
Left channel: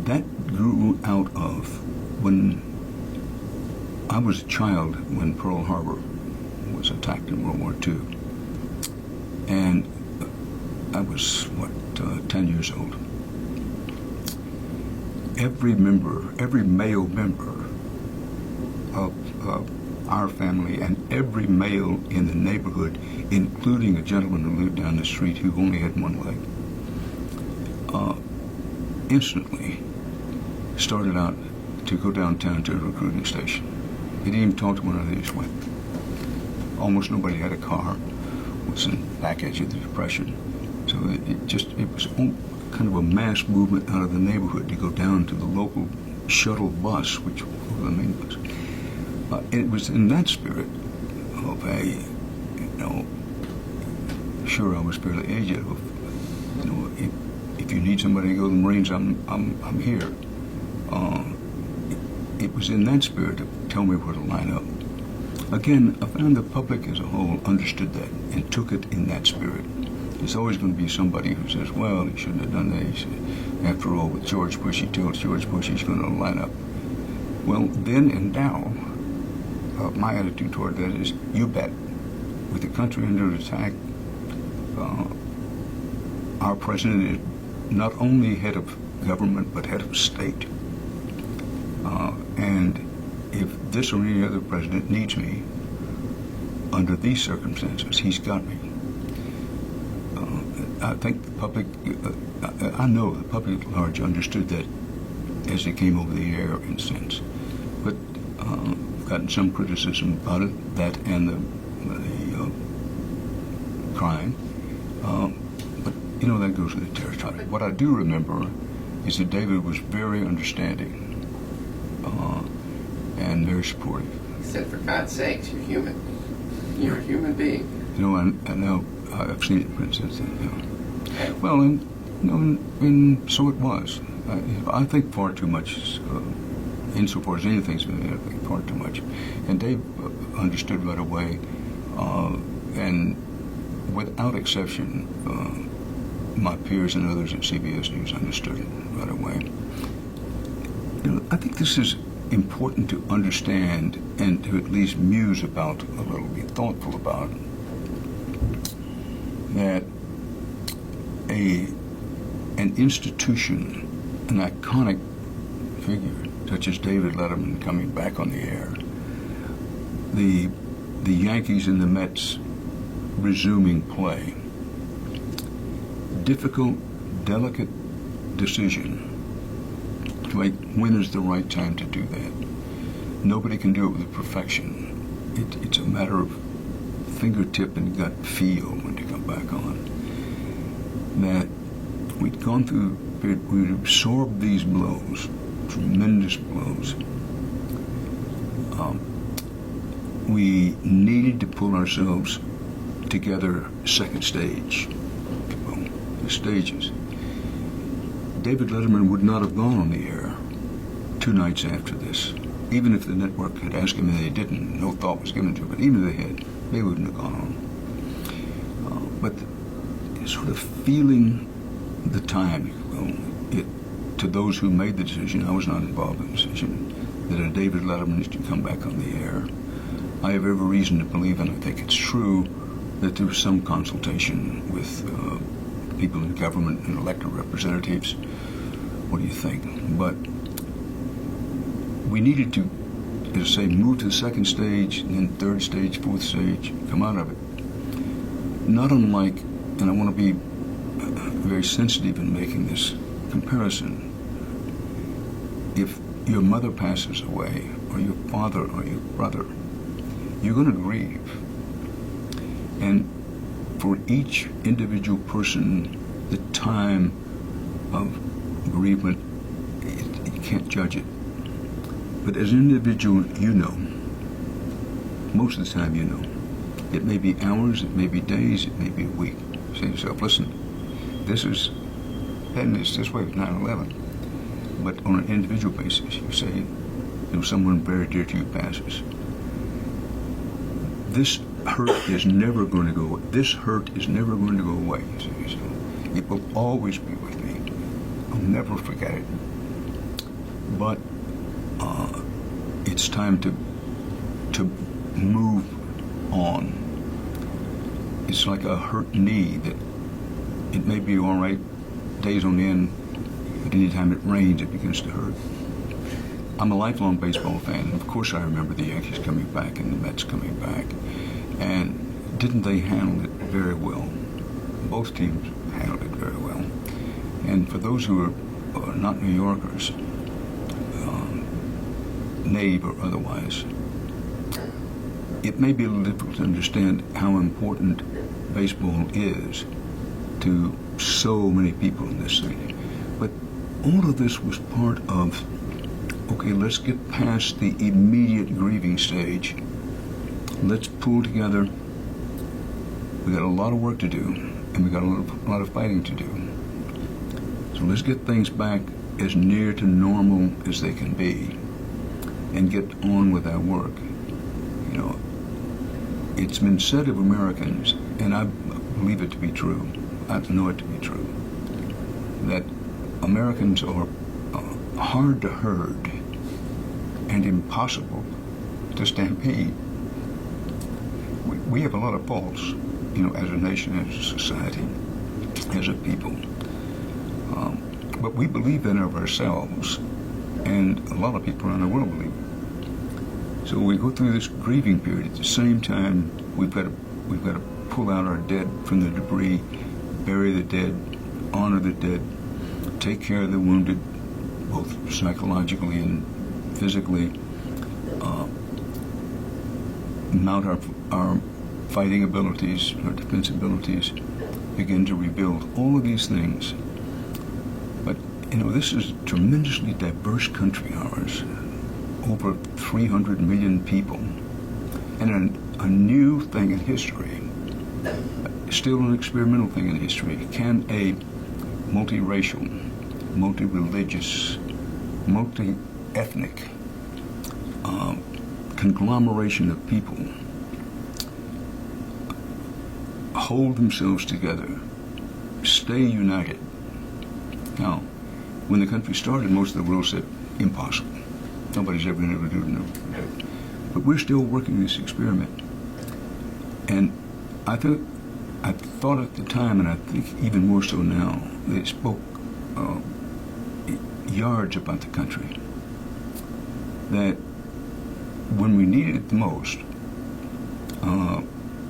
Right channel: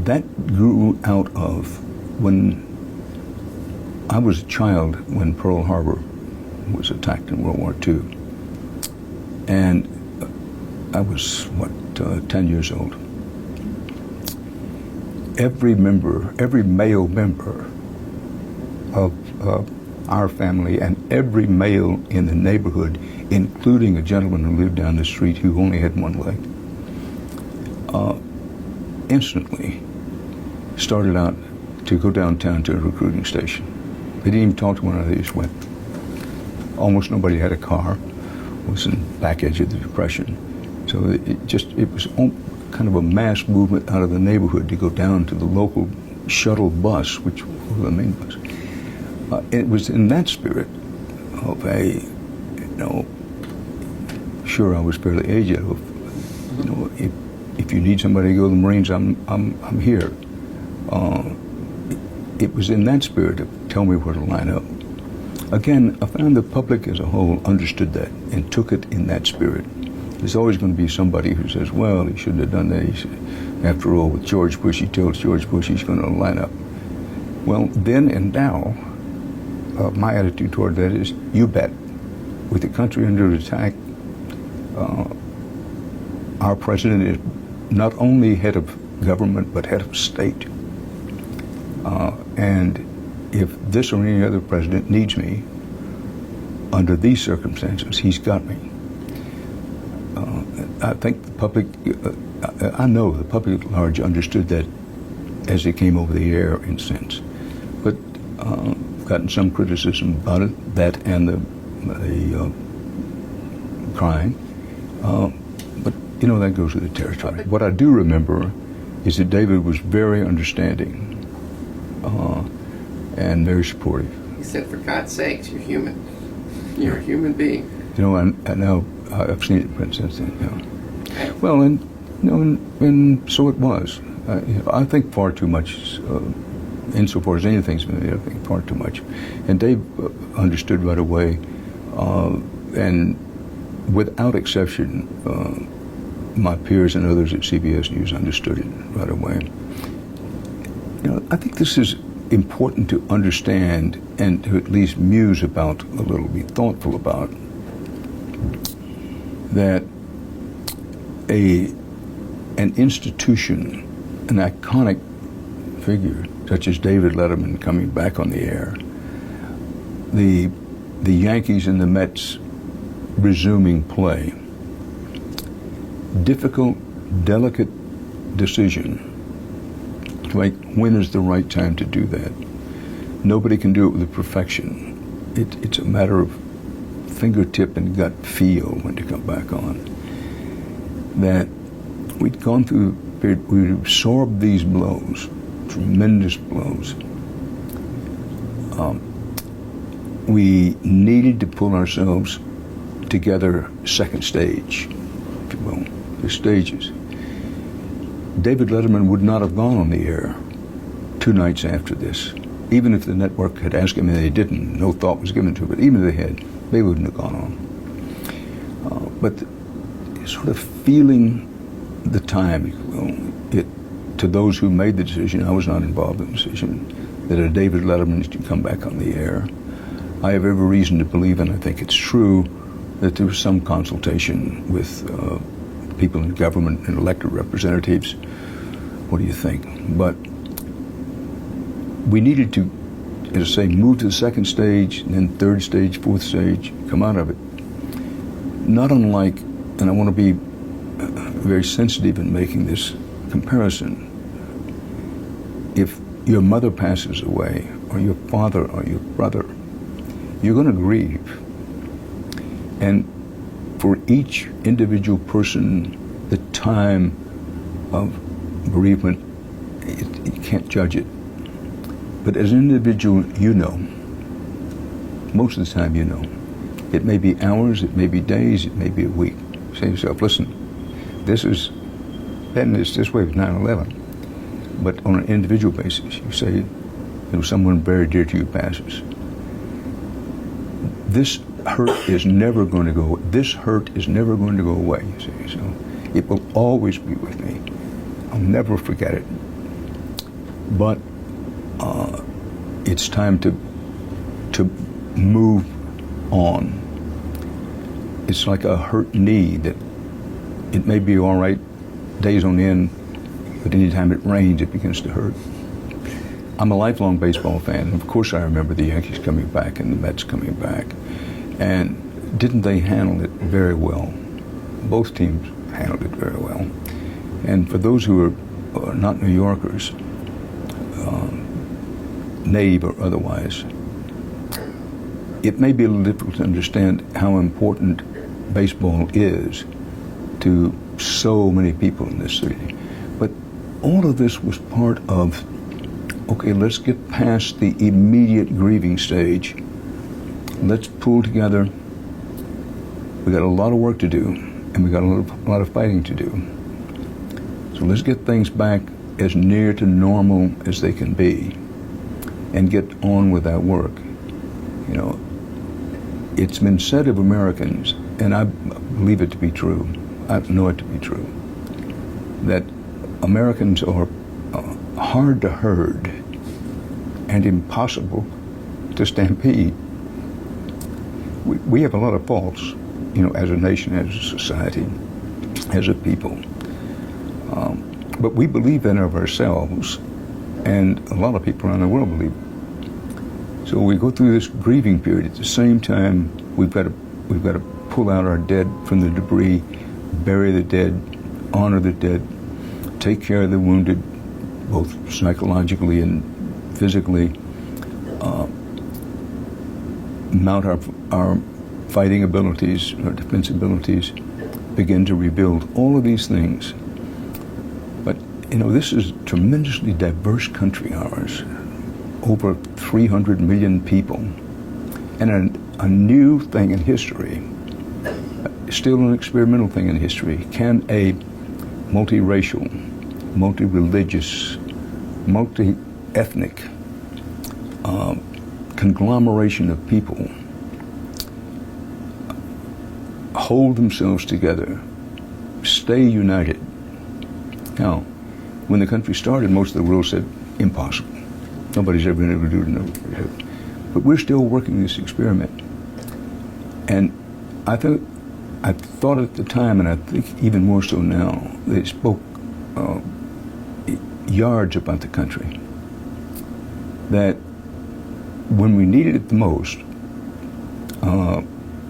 that grew out of when I was a child when Pearl Harbor was attacked in World War II. And I was, 10 years old. Every male member of our family and every male in the neighborhood, including a gentleman who lived down the street who only had one leg, instantly started out to go downtown to a recruiting station. They didn't even talk to one another, they just went. Almost nobody had a car. It was in the back edge of the Depression. So it was kind of a mass movement out of the neighborhood to go down to the local shuttle bus, which was the main bus. It was in that spirit of sure, I was fairly aged. If you need somebody to go to the Marines, I'm here. It was in that spirit of tell me where to line up. Again, I found the public as a whole understood that and took it in that spirit. There's always going to be somebody who says, well, he shouldn't have done that. After all, with George Bush, he tells George Bush he's going to line up. Well, then and now, my attitude toward that is, you bet. With the country under attack, our president is not only head of government, but head of state. And if this or any other president needs me, under these circumstances, he's got me. I think the public, I know the public at large understood that as it came over the air in a sense. But I've gotten some criticism about it, that and the crying. But, that goes with the territory. What I do remember is that David was very understanding and very supportive. He said, for God's sakes, you're human. You're a human being. And now I've seen it since then. Well, and so it was. I think far too much, insofar as anything's been made, I think far too much. And Dave understood right away, and without exception, my peers and others at CBS News understood it right away. I think this is important to understand and to at least muse about a little, be thoughtful about, that an institution, an iconic figure such as David Letterman coming back on the air, the Yankees and the Mets resuming play, difficult, delicate decision to make when is the right time to do that. Nobody can do it with perfection. It's a matter of fingertip and gut feel when to come back on. That we'd gone through, we'd absorbed these blows, tremendous blows. We needed to pull ourselves together, second stage, if you will, the stages. David Letterman would not have gone on the air 2 nights after this. Even if the network had asked him, and they didn't, no thought was given to it, but even if they had, they wouldn't have gone on. But sort of feeling the time, if you will, to those who made the decision, I was not involved in the decision, that a David Letterman is to come back on the air. I have every reason to believe, and I think it's true, that there was some consultation with people in government and elected representatives. What do you think? But we needed to, as I say, move to the second stage, and then third stage, fourth stage, come out of it. Not unlike, and I want to be very sensitive in making this comparison, if your mother passes away, or your father or your brother, you're going to grieve. And for each individual person, the time of bereavement, you can't judge it. But as an individual, most of the time you know. It may be hours, it may be days, it may be a week. Say to yourself, listen, this is, and it's this way with 9/11. but on an individual basis, you say, someone very dear to you passes. This hurt is never going to go. This hurt is never going to go away. You see, so it will always be with me. I'll never forget it. But it's time to move on. It's like a hurt knee that it may be all right days on end, but anytime it rains, it begins to hurt. I'm a lifelong baseball fan. Of course, I remember the Yankees coming back and the Mets coming back. And didn't they handle it very well? Both teams handled it very well. And for those who are not New Yorkers, native or otherwise, it may be a little difficult to understand how important baseball is to so many people in this city. But all of this was part of, okay, let's get past the immediate grieving stage. Let's pull together. We got a lot of work to do, and we got a lot of fighting to do. So let's get things back as near to normal as they can be, and get on with that work. It's been said of Americans, and I believe it to be true. I know it to be true, that Americans are hard to herd and impossible to stampede. We have a lot of faults, as a nation, as a society, as a people. But we believe that of ourselves, and a lot of people around the world believe it. So we go through this grieving period. At the same time, we've got to pull out our dead from the debris, bury the dead, honor the dead, take care of the wounded, both psychologically and physically, mount our fighting abilities, our defense abilities, begin to rebuild. All of these things. But, this is a tremendously diverse country, ours. Over 300 million people. And a new thing in history, still an experimental thing in history. Can a multiracial, multi-religious, multi-ethnic conglomeration of people hold themselves together, stay united? Now, when the country started, most of the world said, impossible. Nobody's ever been able to do it. No. But we're still working this experiment. And I thought at the time, and I think even more so now, they spoke yards about the country. That when we needed it the most,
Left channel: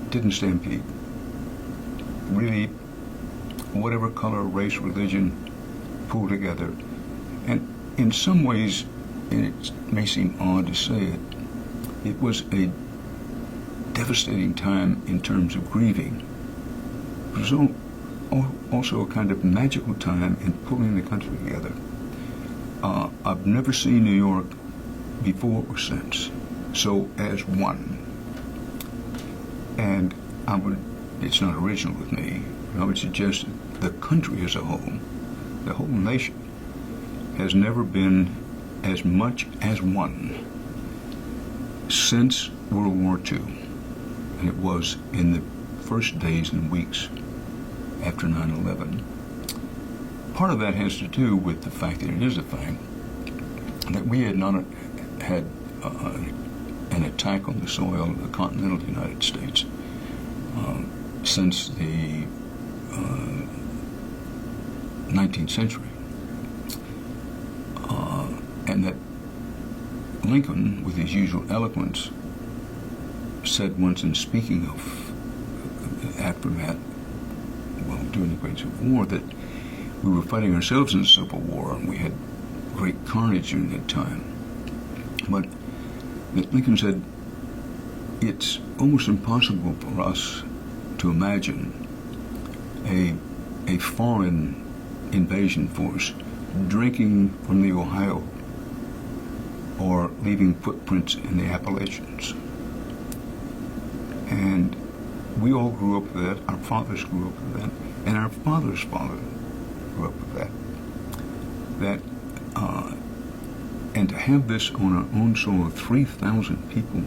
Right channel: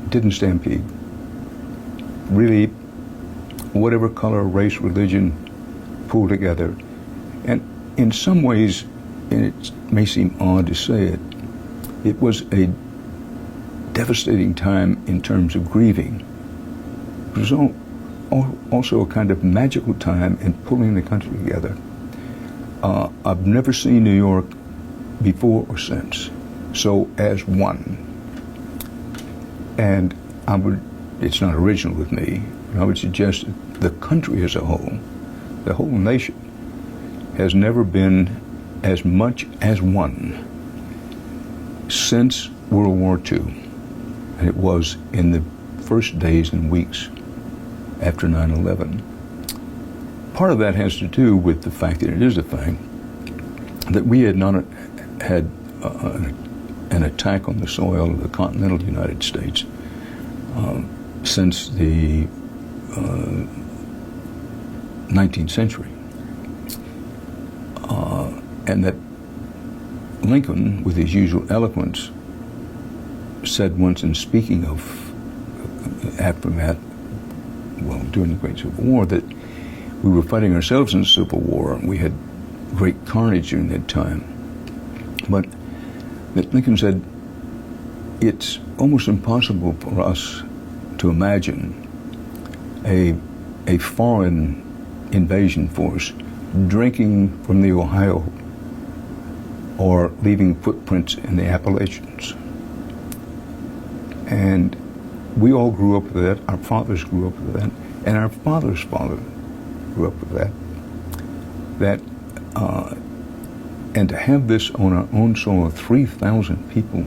didn't stampede. Really, whatever color, race, religion, pulled together. And in some ways, and it may seem odd to say it, it was a devastating time in terms of grieving. It was also a kind of magical time in pulling the country together. I've never seen New York before or since so as one. And it's not original with me, but I would suggest the country as a whole, the whole nation, has never been as much as one since World War II, and it was in the first days and weeks after 9/11. Part of that has to do with the fact that it is a thing that we had not had an attack on the soil of the continental United States since the 19th century. And that Lincoln, with his usual eloquence, said once in speaking of aftermath, during the Great Civil War, that we were fighting ourselves in the Civil War, and we had great carnage during that time. But that Lincoln said, it's almost impossible for us to imagine a foreign invasion force drinking from the Ohio or leaving footprints in the Appalachians. And we all grew up with that. Our fathers grew up with that. And our father's father grew up with that. That And to have this on our own soil, 3,000 people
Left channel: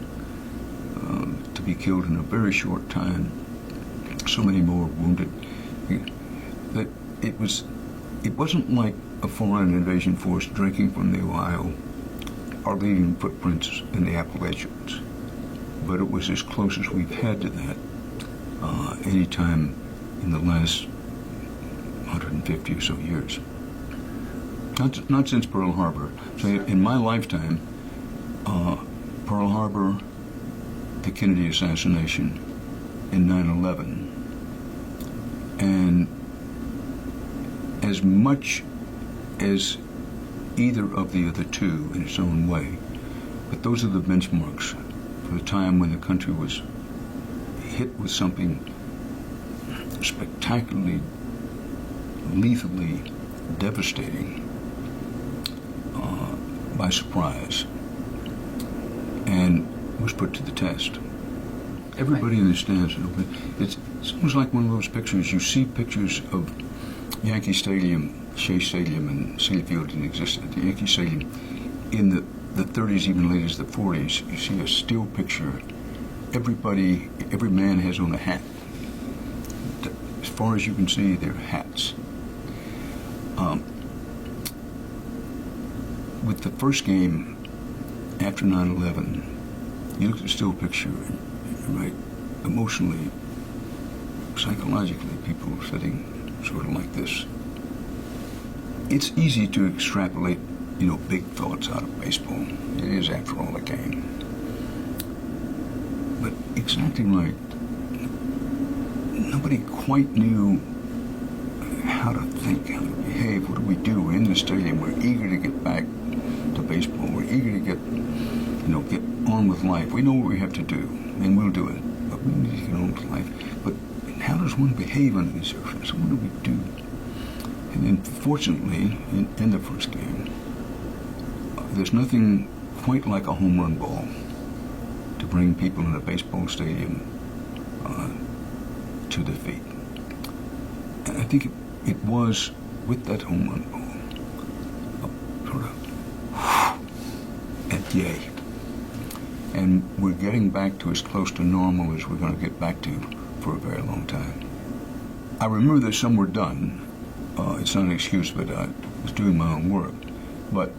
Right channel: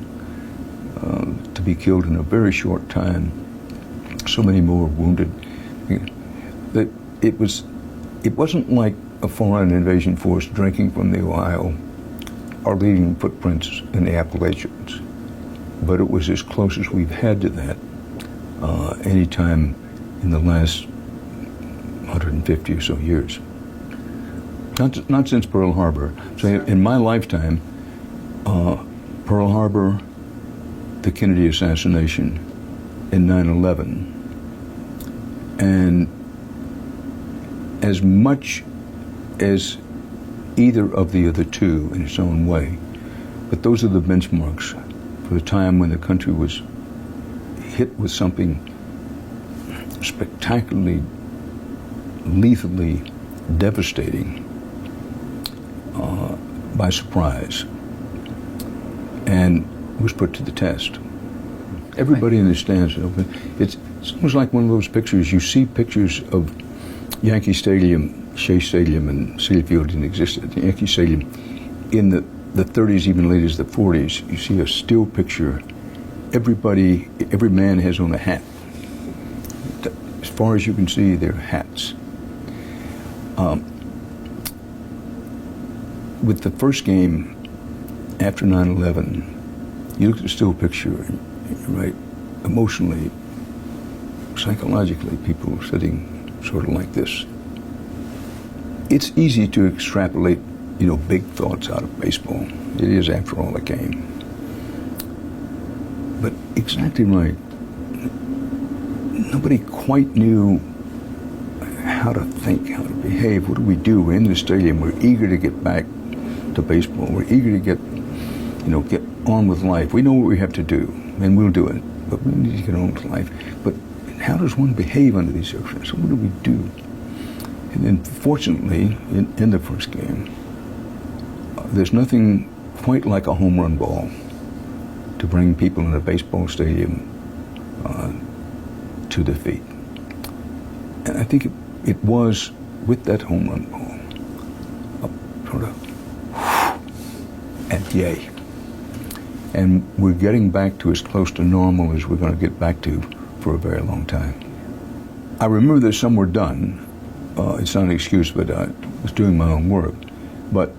to be killed in a very short time, so many more wounded. That it wasn't like a foreign invasion force drinking from the Ohio or leaving footprints in the Appalachians, but it was as close as we've had to that any time in the last 150 or so years. Not since Pearl Harbor. So in my lifetime, Pearl Harbor, the Kennedy assassination, and 9/11, and as much as either of the other two in its own way, but those are the benchmarks for the time when the country was hit with something spectacularly, lethally devastating by surprise, and was put to the test. Everybody in the stands, it's almost like one of those pictures. You see pictures of Yankee Stadium, Shea Stadium, and Citi Field didn't exist at Yankee Stadium in the 30s, even late as the 40s. You see a still picture. Every man has on a hat. As far as you can see, they're hats. With the first game after 9/11, you look at the still picture, and, right, emotionally, psychologically, people are sitting sort of like this. It's easy to extrapolate, big thoughts out of baseball. It is, after all, a game. But exactly right. Nobody quite knew how to think, how to behave. What do we do? We're in the stadium. We're eager to get back to baseball. We're eager to get on with life. We know what we have to do, and we'll do it. But we need to get on with life. But how does one behave under these circumstances? What do we do? And then, fortunately, in the first game, there's nothing quite like a home run ball to bring people in a baseball stadium to their feet. And I think it was with that home run ball, sort of, and yay. And we're getting back to as close to normal as we're going to get back to for a very long time. I remember that some were done. It's not an excuse, but I was doing my own work. But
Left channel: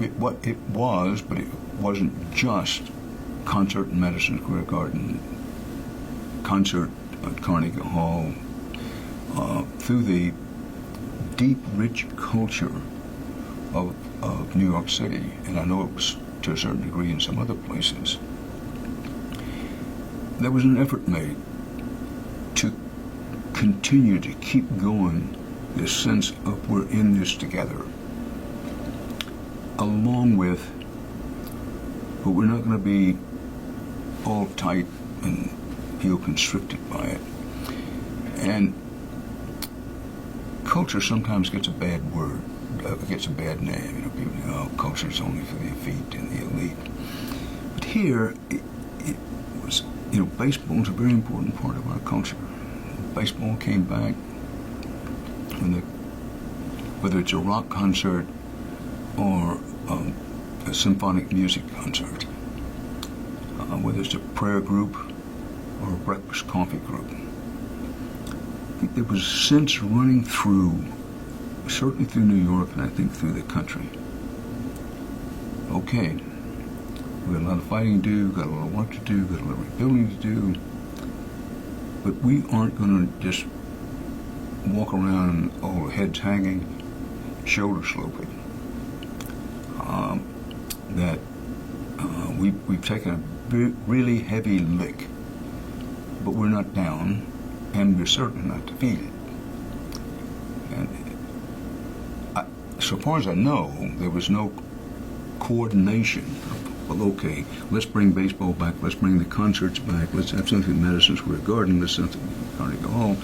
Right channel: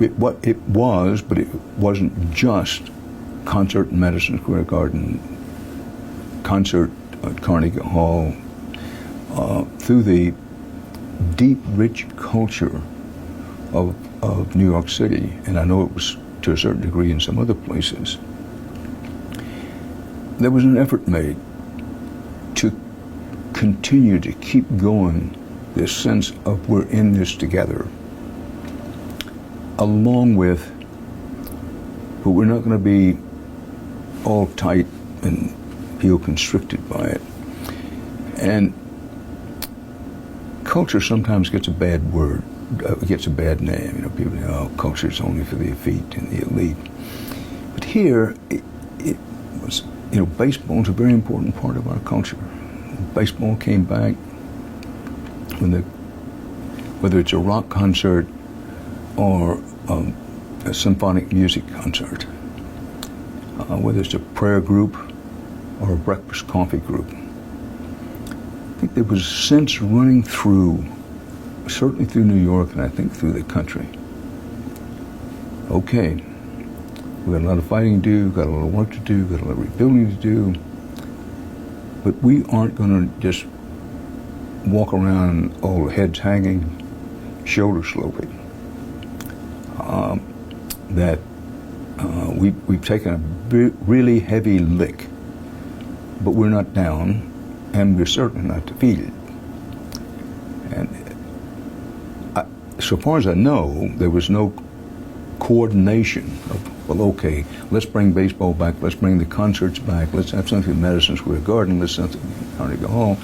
it was, but it wasn't just concert in Madison Square Garden, concert at Carnegie Hall, through the deep, rich culture of New York City, and I know it was to a certain degree in some other places. There was an effort made to continue to keep going this sense of we're in this together, along with, but we're not going to be all tight and feel constricted by it. And culture sometimes gets a bad word, gets a bad name. People say, oh, culture is only for the effete and the elite. But here, it was, baseball is a very important part of our culture. Baseball came back when whether it's a rock concert or a symphonic music concert, whether it's a prayer group or a breakfast coffee group. I think there was a sense running through, certainly through New York, and I think through the country. Okay, we've got a lot of fighting to do, got a lot of work to do, got a lot of rebuilding to do, but we aren't going to just walk around all heads hanging, shoulders sloping. We've taken a really heavy lick, but we're not down, and we're certainly not defeated. And so far as I know, there was no coordination of, well, okay, let's bring baseball back, let's bring the concerts back, let's have something in Madison Square Garden, let's have something in Carnegie Hall.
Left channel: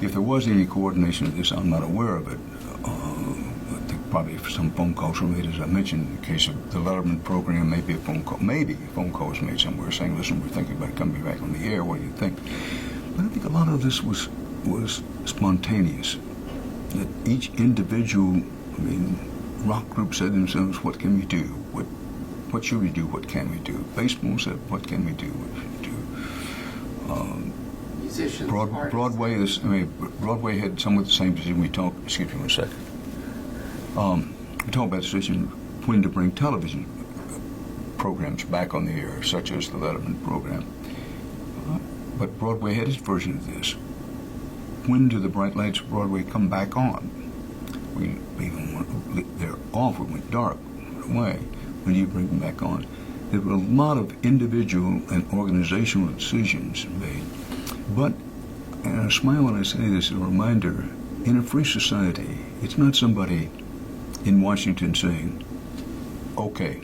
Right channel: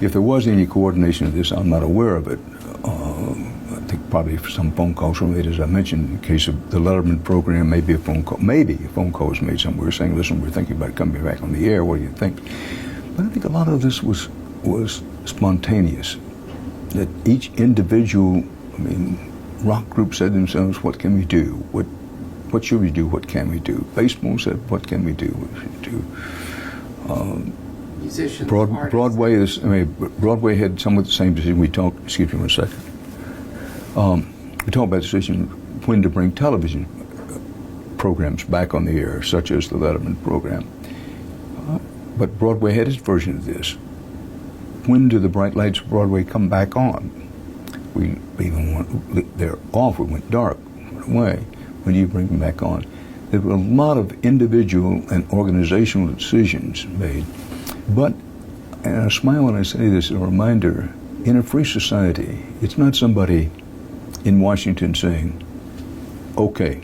If there was any coordination of this, I'm not aware of it. I think probably some phone calls were made, as I mentioned, in the case of the Letterman program, maybe a phone call was made somewhere saying, listen, we're thinking about coming back on the air, what do you think? But I think a lot of this was spontaneous. that each individual, rock group said to themselves, what can we do? What should we do? What can we do? Baseball said, what can we do? What should we do? Musicians, Broadway Broadway had somewhat the same decision. We talked, excuse me one second. We talked about the decision when to bring television programs back on the air, such as the Letterman program. But Broadway had its version of this. When do the bright lights of Broadway come back on? They're off, we went dark, went away. When do you bring them back on? There were a lot of individual and organizational decisions made. But, and I smile when I say this, a reminder, in a free society, it's not somebody in Washington saying, okay,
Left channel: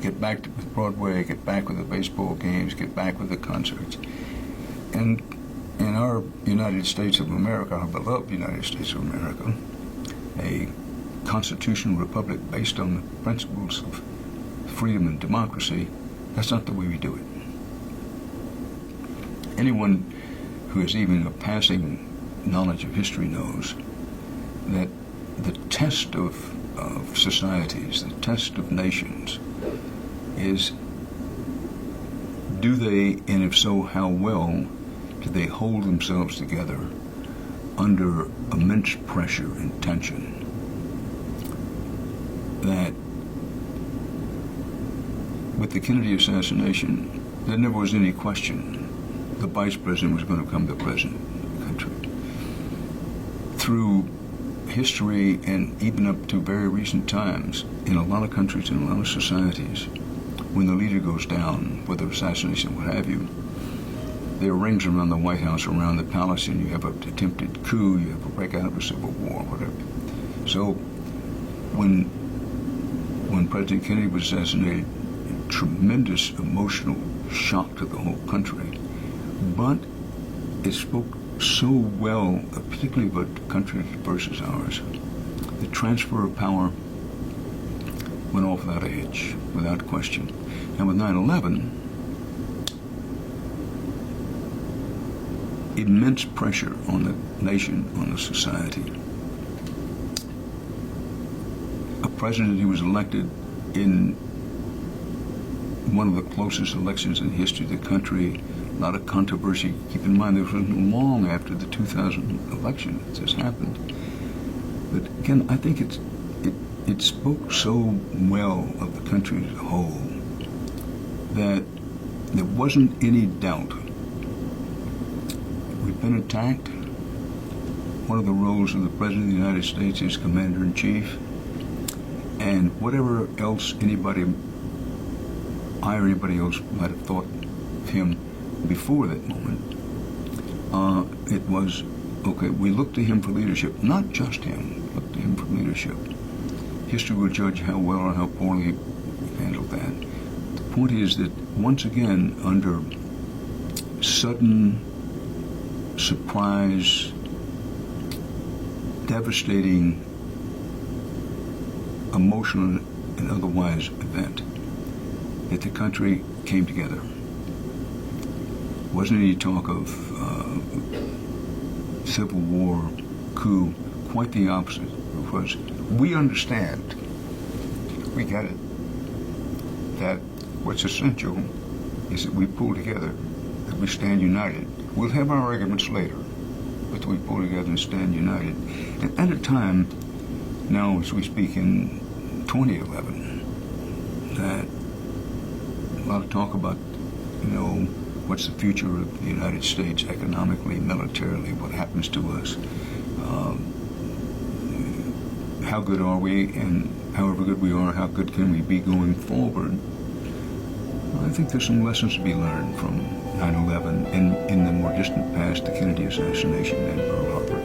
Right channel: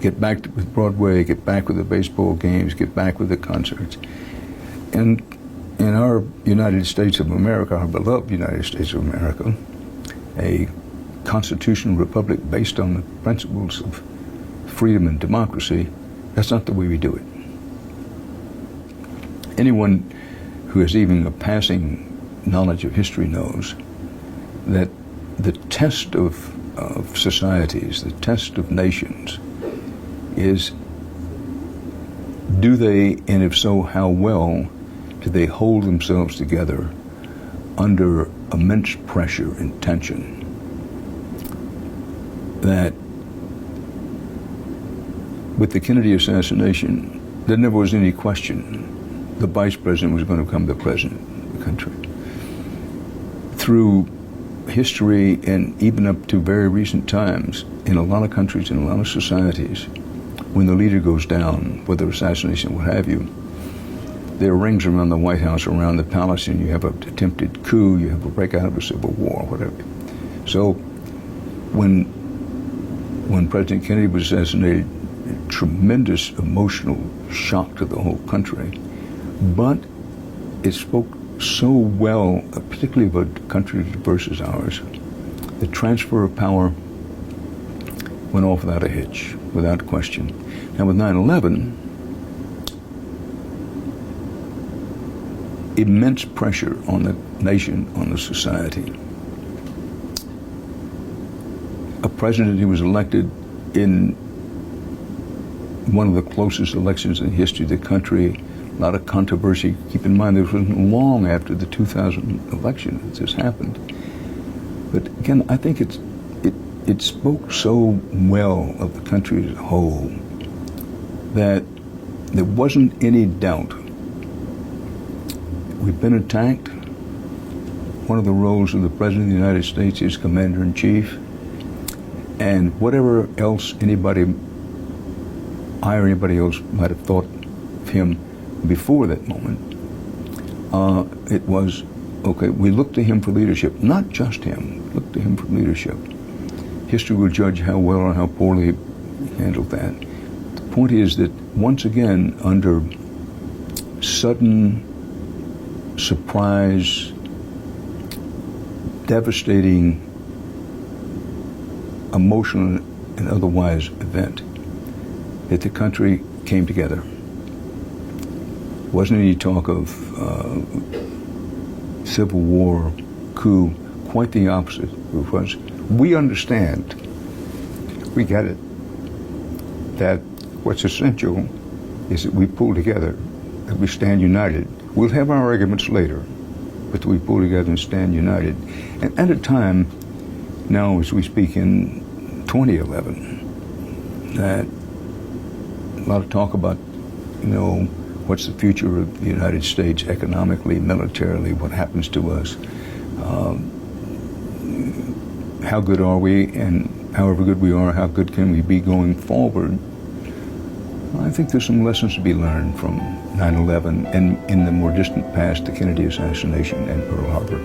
get back with Broadway, get back with the baseball games, get back with the concerts. And in our United States of America, our beloved United States of America, a constitutional republic based on the principles of freedom and democracy, that's not the way we do it. Anyone who has even a passing knowledge of history knows that the test of societies, the test of nations, is do they, and if so, how well, do they hold themselves together under immense pressure and tension? That with the Kennedy assassination, there never was any question the vice president was going to become the president of the country. Through history and even up to very recent times, in a lot of countries, in a lot of societies, when the leader goes down, whether assassination, what have you, there are rings around the White House, around the palace, and you have an attempted coup, you have a breakout of a civil war, whatever. So when President Kennedy was assassinated, tremendous emotional shock to the whole country, but it spoke so well, particularly of a country as diverse as ours. The transfer of power went off without a hitch, without question. Now with 9/11, immense pressure on the nation, on the society. A president who was elected in one of the closest elections in the history of the country, a lot of controversy. Keep in mind, this wasn't long after the 2000 election that this happened. But again, I think it spoke so well of the country as a whole that there wasn't any doubt. We've been attacked. One of the roles of the President of the United States is Commander-in-Chief. And whatever else I or anybody else might have thought of him before that moment, it was, okay, we look to him for leadership. Not just him, we look to him for leadership. History will judge how well or how poorly he handled that. The point is that, once again, under sudden, surprise, devastating, emotional and otherwise event, that the country came together. Wasn't any talk of civil war, coup, quite the opposite. It was, we understand, we get it, that what's essential is that we pull together, that we stand united. We'll have our arguments later, but we pull together and stand united. And at a time, now as we speak in 2011, that a lot of talk about, what's the future of the United States economically, militarily, what happens to us, how good are we, and however good we are, how good can we be going forward. I think there's some lessons to be learned from 9/11 and in the more distant past, the Kennedy assassination and Pearl Harbor.